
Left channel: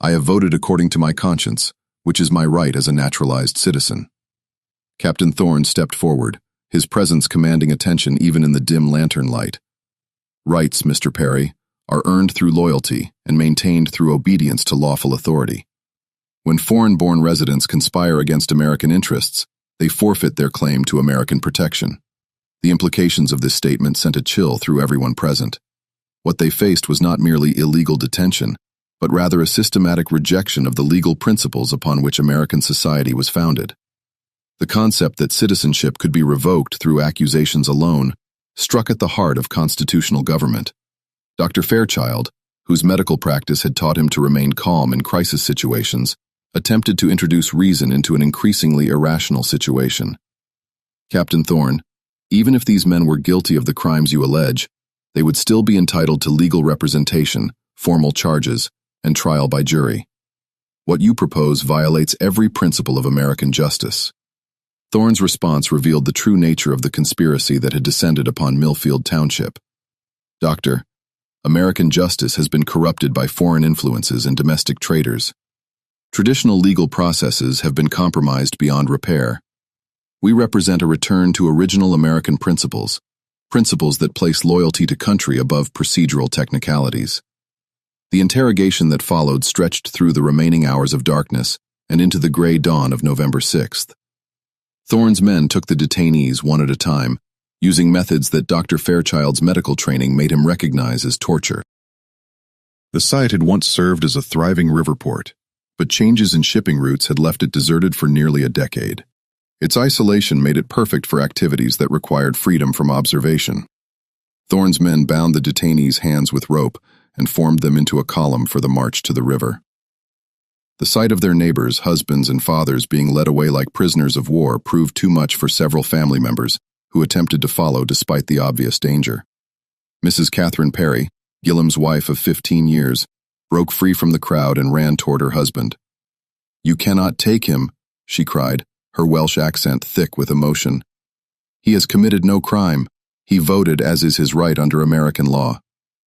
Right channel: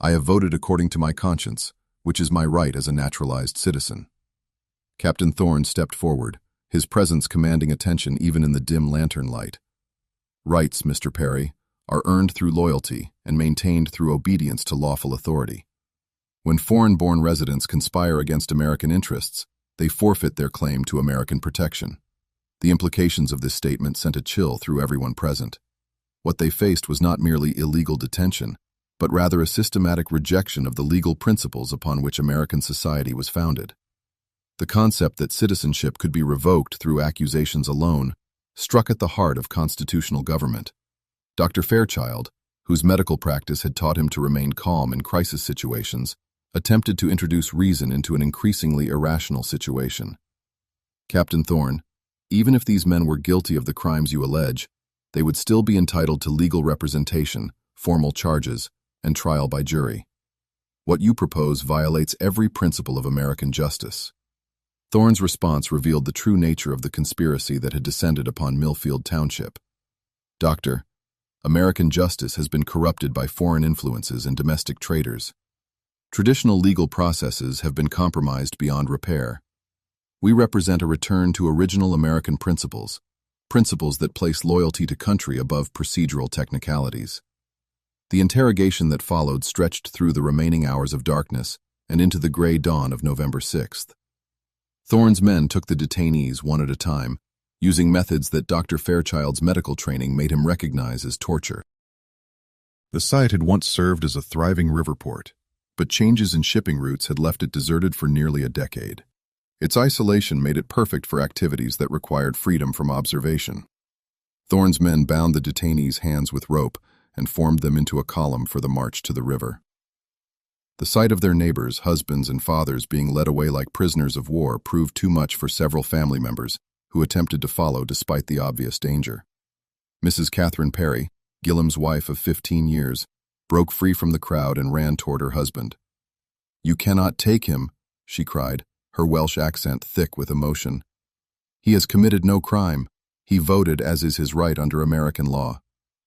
I have voted according to my conscience, which is my right as a naturalized citizen. Captain Thorne stepped forward, his presence commanding attention even in the dim lantern light. Rights, Mr. Perry, are earned through loyalty and maintained through obedience to lawful authority. When foreign-born residents conspire against American interests, they forfeit their claim to American protection. The implications of this statement sent a chill through everyone present. What they faced was not merely illegal detention, but rather a systematic rejection of the legal principles upon which American society was founded. The concept that citizenship could be revoked through accusations alone struck at the heart of constitutional government. Dr. Fairchild, whose medical practice had taught him to remain calm in crisis situations, attempted to introduce reason into an increasingly irrational situation. Captain Thorne, even if these men were guilty of the crimes you allege, they would still be entitled to legal representation, formal charges, and trial by jury. What you propose violates every principle of American justice. Thorne's response revealed the true nature of the conspiracy that had descended upon Millfield Township. Doctor, American justice has been corrupted by foreign influences and domestic traitors. Traditional legal processes have been compromised beyond repair. We represent a return to original American principles, principles that place loyalty to country above procedural technicalities. The interrogation that followed stretched through the remaining hours of darkness and into the gray dawn of November 6th. Thorne's men took the detainees one at a time, using methods that Dr. Fairchild's medical training made him recognize as torture. The site had once served as a thriving river port, but changes in shipping routes had left it deserted for nearly a decade. Its isolation made it perfect for activities that required freedom from observation. Thorne's men bound the detainees' hands with rope and formed them into a column for the march to the river. The sight of their neighbors, husbands, and fathers being led away like prisoners of war proved too much for several family members who attempted to follow despite the obvious danger. Mrs. Catherine Perry, Gillam's wife of 15 years, broke free from the crowd and ran toward her husband. "You cannot take him," she cried, her Welsh accent thick with emotion. "He has committed no crime. He voted as is his right under American law."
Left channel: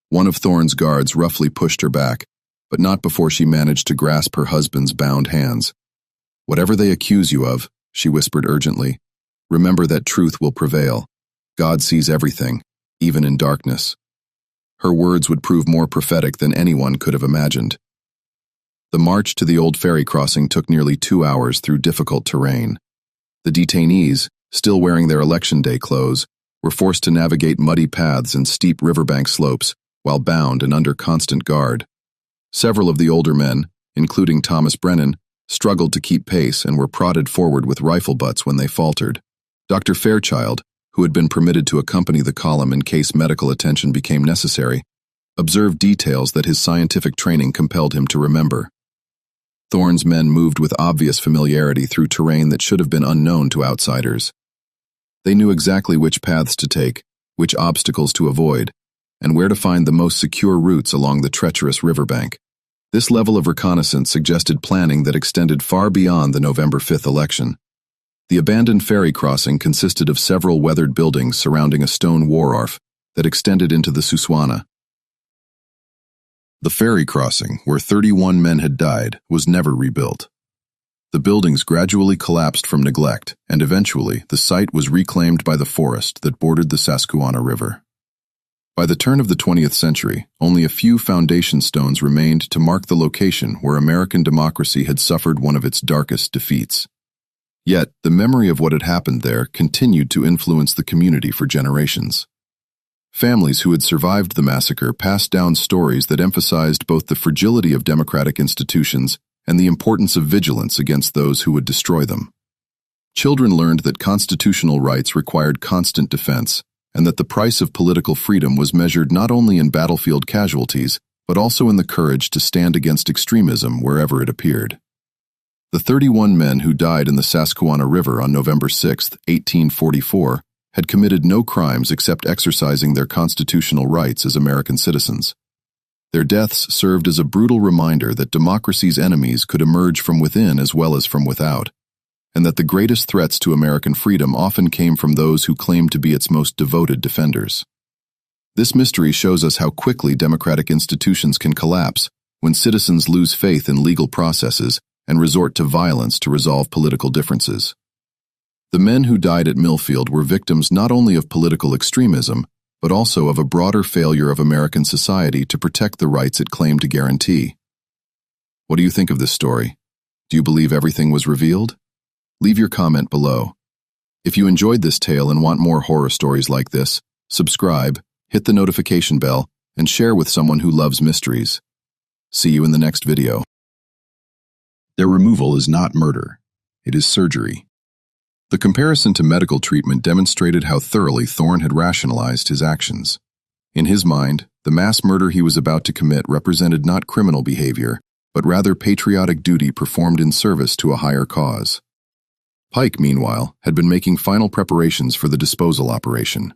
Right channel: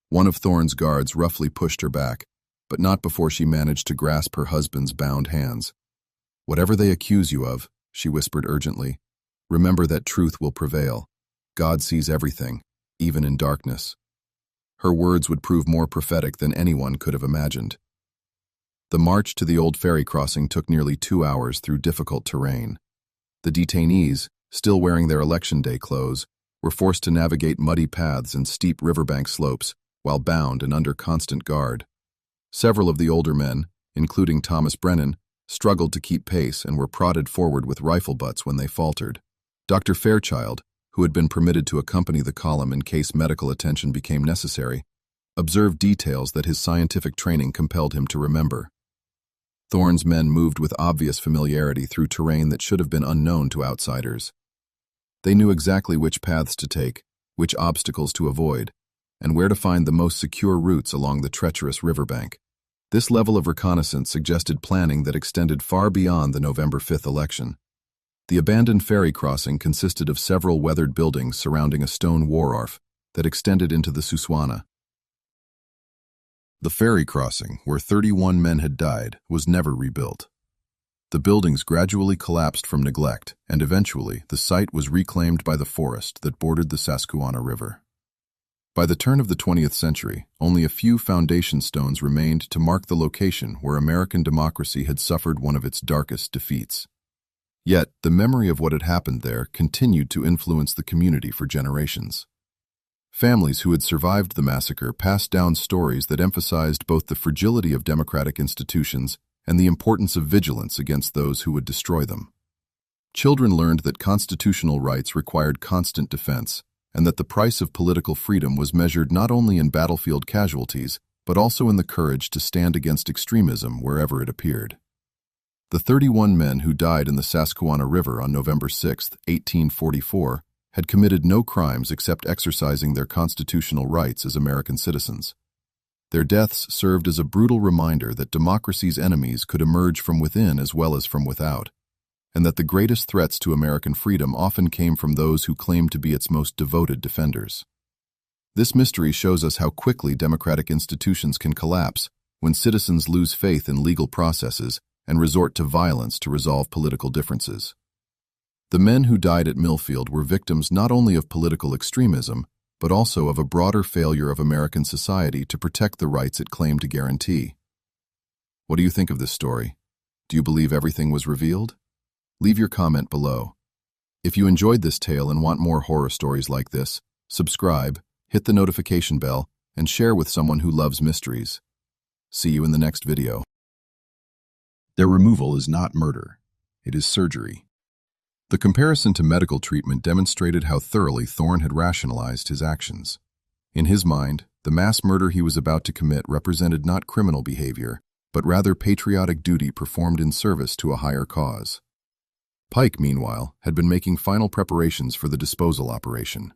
One of Thorne's guards roughly pushed her back, but not before she managed to grasp her husband's bound hands. "Whatever they accuse you of," she whispered urgently, "remember that truth will prevail. God sees everything, even in darkness." Her words would prove more prophetic than anyone could have imagined. The march to the old ferry crossing took nearly 2 hours through difficult terrain. The detainees, still wearing their election day clothes, were forced to navigate muddy paths and steep riverbank slopes while bound and under constant guard. Several of the older men, including Thomas Brennan, struggled to keep pace and were prodded forward with rifle butts when they faltered. Dr. Fairchild, who had been permitted to accompany the column in case medical attention became necessary, observed details that his scientific training compelled him to remember. Thorne's men moved with obvious familiarity through terrain that should have been unknown to outsiders. They knew exactly which paths to take, which obstacles to avoid, and where to find the most secure routes along the treacherous riverbank. This level of reconnaissance suggested planning that extended far beyond the November 5th election. The abandoned ferry crossing consisted of several weathered buildings surrounding a stone wharf that extended into the Susquehanna. The ferry crossing, where 31 men had died, was never rebuilt. The buildings gradually collapsed from neglect, and eventually the site was reclaimed by the forest that bordered the Susquehanna River. By the turn of the 20th century, only a few foundation stones remained to mark the location where American democracy had suffered one of its darkest defeats. Yet, the memory of what had happened there continued to influence the community for generations. Families who had survived the massacre passed down stories that emphasized both the fragility of democratic institutions and the importance of vigilance against those who would destroy them. Children learned that constitutional rights required constant defense, and that the price of political freedom was measured not only in battlefield casualties, but also in the courage to stand against extremism wherever it appeared. The 31 men who died in the Susquehanna River on November 6, 1844, had committed no crimes except exercising their constitutional rights as American citizens. Their deaths served as a brutal reminder that democracy's enemies could emerge from within as well as from without, and that the greatest threats to American freedom often came from those who claimed to be its most devoted defenders. This mystery shows us how quickly democratic institutions can collapse when citizens lose faith in legal processes and resort to violence to resolve political differences. The men who died at Millfield were victims not only of political extremism, but also of a broader failure of American society to protect the rights it claimed to guarantee. What do you think of this story? Do you believe everything was revealed? Leave your comment below. If you enjoyed this tale and want more horror stories like this, subscribe, hit the notification bell, and share with someone who loves mysteries. See you in the next video. Their removal is not murder. It is surgery. The comparison to medical treatment demonstrated how thoroughly Thorne had rationalized his actions. In his mind, the mass murder he was about to commit represented not criminal behavior, but rather patriotic duty performed in service to a higher cause. Pike, meanwhile, had been making final preparations for the disposal operation.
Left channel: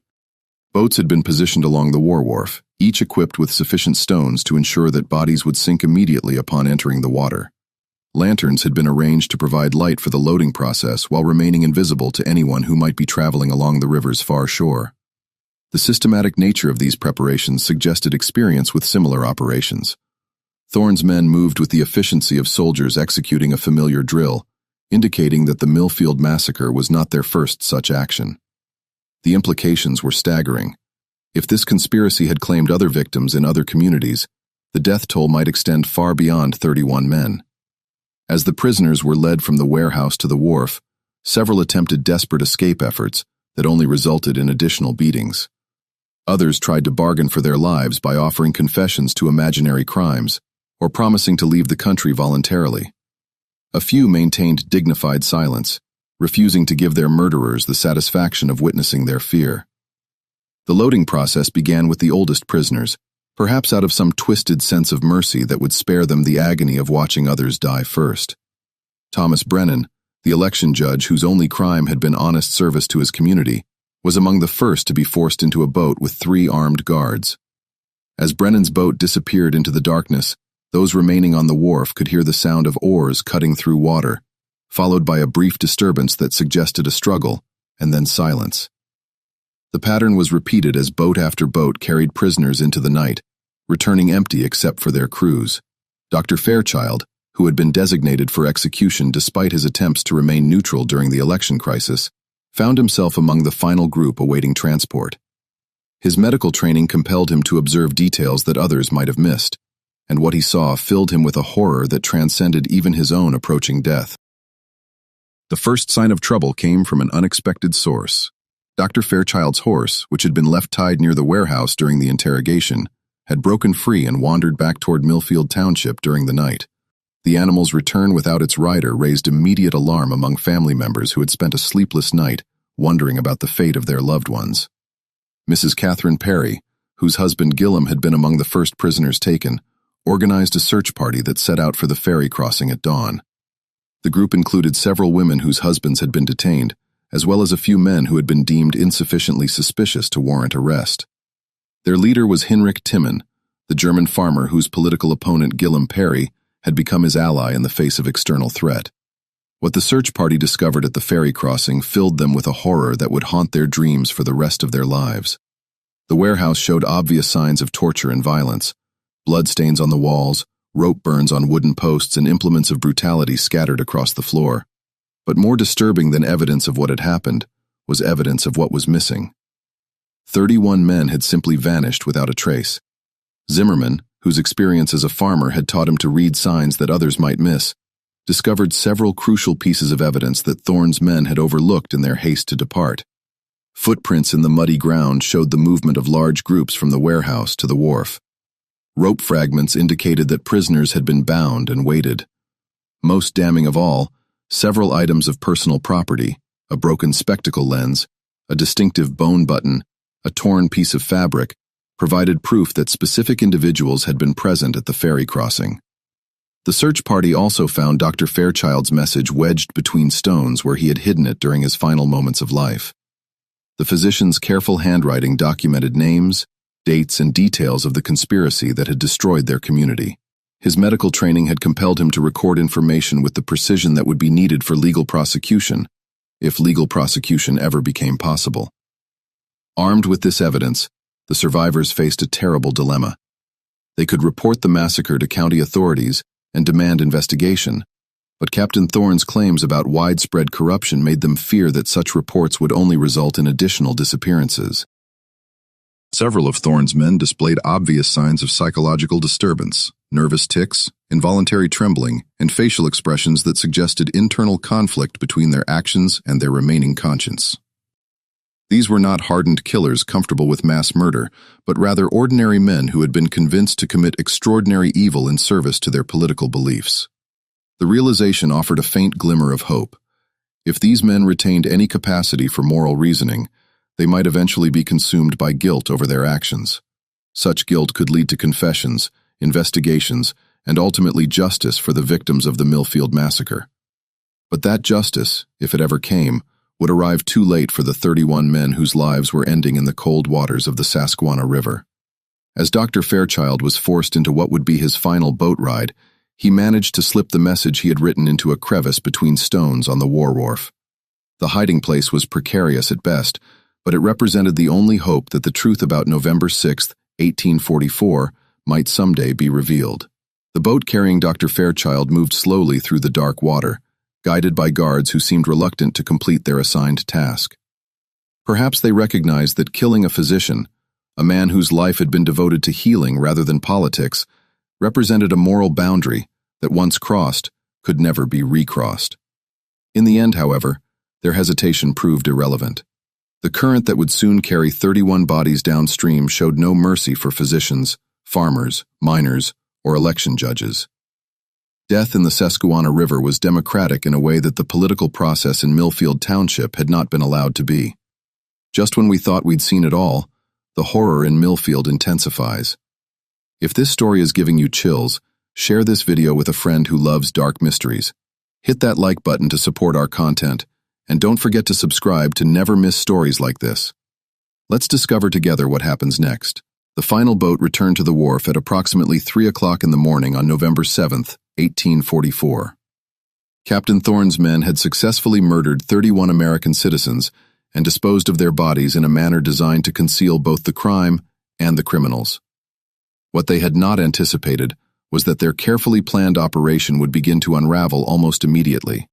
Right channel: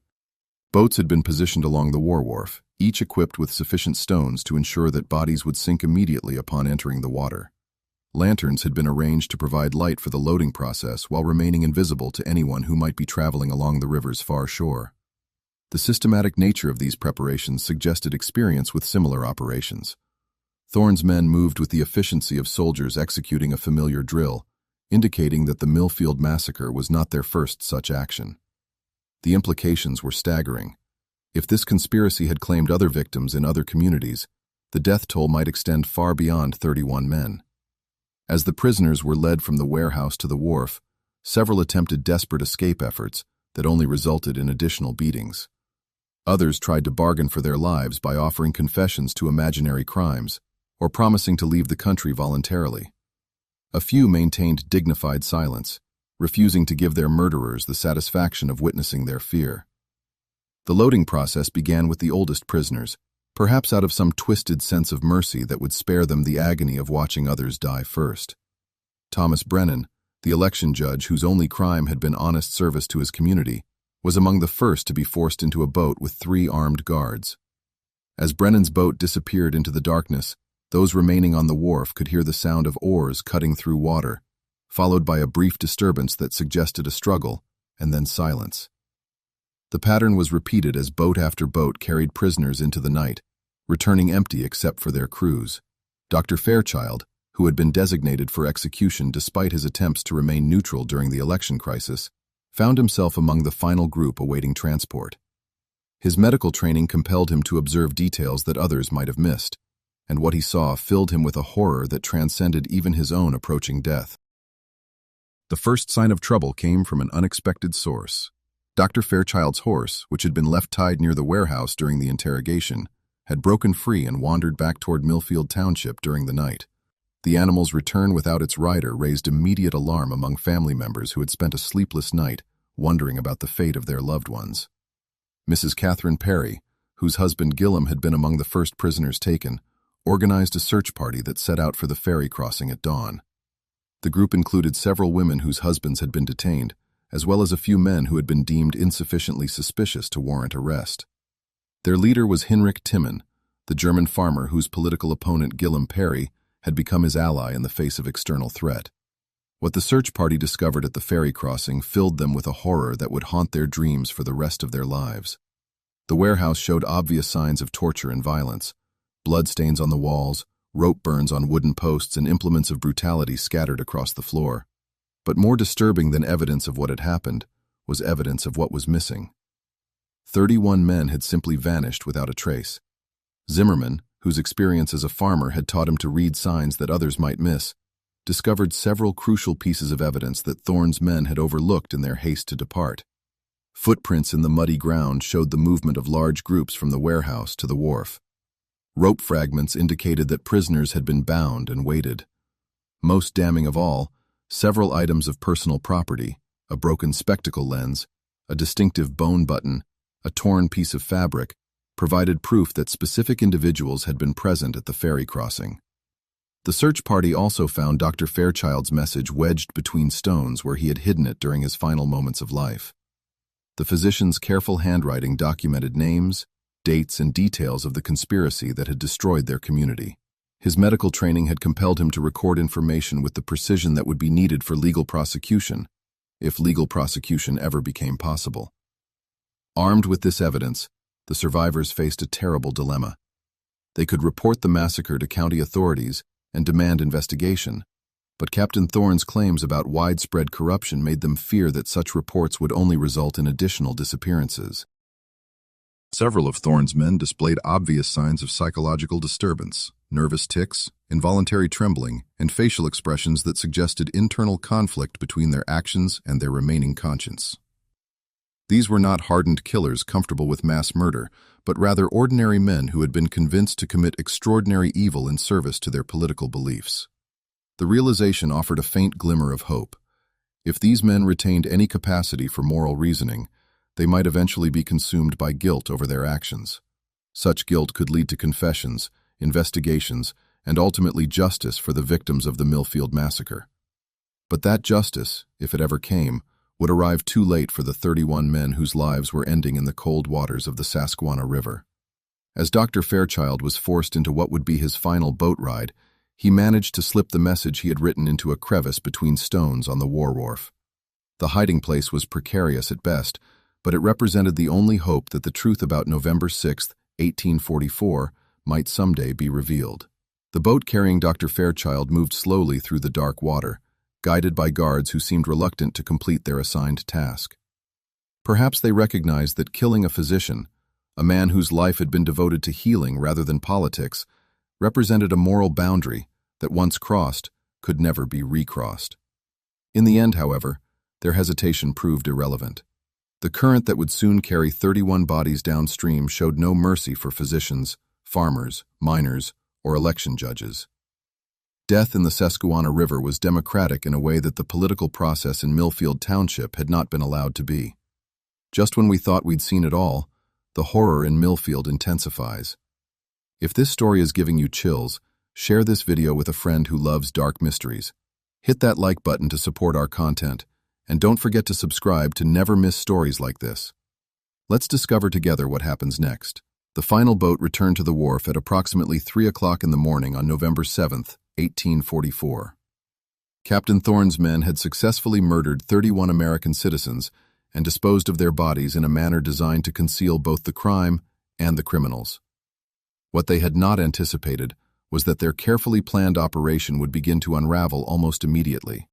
Boats had been positioned along the war wharf, each equipped with sufficient stones to ensure that bodies would sink immediately upon entering the water. Lanterns had been arranged to provide light for the loading process while remaining invisible to anyone who might be traveling along the river's far shore. The systematic nature of these preparations suggested experience with similar operations. Thorne's men moved with the efficiency of soldiers executing a familiar drill, indicating that the Millfield massacre was not their first such action. The implications were staggering. If this conspiracy had claimed other victims in other communities, the death toll might extend far beyond 31 men. As the prisoners were led from the warehouse to the wharf, several attempted desperate escape efforts that only resulted in additional beatings. Others tried to bargain for their lives by offering confessions to imaginary crimes or promising to leave the country voluntarily. A few maintained dignified silence, refusing to give their murderers the satisfaction of witnessing their fear. The loading process began with the oldest prisoners, perhaps out of some twisted sense of mercy that would spare them the agony of watching others die first. Thomas Brennan, the election judge whose only crime had been honest service to his community, was among the first to be forced into a boat with 3 armed guards. As Brennan's boat disappeared into the darkness, those remaining on the wharf could hear the sound of oars cutting through water, followed by a brief disturbance that suggested a struggle, and then silence. The pattern was repeated as boat after boat carried prisoners into the night, returning empty except for their crews. Dr. Fairchild, who had been designated for execution despite his attempts to remain neutral during the election crisis, found himself among the final group awaiting transport. His medical training compelled him to observe details that others might have missed, and what he saw filled him with a horror that transcended even his own approaching death. The first sign of trouble came from an unexpected source. Dr. Fairchild's horse, which had been left tied near the warehouse during the interrogation, had broken free and wandered back toward Millfield Township during the night. The animal's return without its rider raised immediate alarm among family members who had spent a sleepless night wondering about the fate of their loved ones. Mrs. Catherine Perry, whose husband Gillum had been among the first prisoners taken, organized a search party that set out for the ferry crossing at dawn. The group included several women whose husbands had been detained, as well as a few men who had been deemed insufficiently suspicious to warrant arrest. Their leader was Hinrich Timmen, the German farmer whose political opponent Gillum Perry had become his ally in the face of external threat. What the search party discovered at the ferry crossing filled them with a horror that would haunt their dreams for the rest of their lives. The warehouse showed obvious signs of torture and violence: bloodstains on the walls, rope burns on wooden posts, and implements of brutality scattered across the floor. But more disturbing than evidence of what had happened was evidence of what was missing. 31 men had simply vanished without a trace. Zimmerman, whose experience as a farmer had taught him to read signs that others might miss, discovered several crucial pieces of evidence that Thorne's men had overlooked in their haste to depart. Footprints in the muddy ground showed the movement of large groups from the warehouse to the wharf. Rope fragments indicated that prisoners had been bound and weighted. Most damning of all, several items of personal property, a broken spectacle lens, a distinctive bone button, a torn piece of fabric, provided proof that specific individuals had been present at the ferry crossing. The search party also found Dr. Fairchild's message wedged between stones where he had hidden it during his final moments of life. The physician's careful handwriting documented names, dates, and details of the conspiracy that had destroyed their community. His medical training had compelled him to record information with the precision that would be needed for legal prosecution, if legal prosecution ever became possible. Armed with this evidence, the survivors faced a terrible dilemma. They could report the massacre to county authorities and demand investigation, but Captain Thorne's claims about widespread corruption made them fear that such reports would only result in additional disappearances. Several of Thorne's men displayed obvious signs of psychological disturbance: nervous tics, involuntary trembling, and facial expressions that suggested internal conflict between their actions and their remaining conscience. These were not hardened killers comfortable with mass murder, but rather ordinary men who had been convinced to commit extraordinary evil in service to their political beliefs. The realization offered a faint glimmer of hope. If these men retained any capacity for moral reasoning, they might eventually be consumed by guilt over their actions. Such guilt could lead to confessions, investigations, and ultimately justice for the victims of the Millfield massacre. But that justice, if it ever came, would arrive too late for the 31 men whose lives were ending in the cold waters of the Susquehanna River. As Dr. Fairchild was forced into what would be his final boat ride, he managed to slip the message he had written into a crevice between stones on the war wharf. The hiding place was precarious at best, but it represented the only hope that the truth about November 6, 1844, might someday be revealed. The boat carrying Dr. Fairchild moved slowly through the dark water, guided by guards who seemed reluctant to complete their assigned task. Perhaps they recognized that killing a physician, a man whose life had been devoted to healing rather than politics, represented a moral boundary that, once crossed, could never be recrossed. In the end, however, their hesitation proved irrelevant. The current that would soon carry 31 bodies downstream showed no mercy for physicians, farmers, miners, or election judges. Death in the Susquehanna River was democratic in a way that the political process in Millfield Township had not been allowed to be. Just when we thought we'd seen it all, the horror in Millfield intensifies. If this story is giving you chills, share this video with a friend who loves dark mysteries. Hit that like button to support our content, and don't forget to subscribe to never miss stories like this. Let's discover together what happens next. The final boat returned to the wharf at approximately 3 o'clock in the morning on November 7th, 1844. Captain Thorne's men had successfully murdered 31 American citizens and disposed of their bodies in a manner designed to conceal both the crime and the criminals. What they had not anticipated was that their carefully planned operation would begin to unravel almost immediately.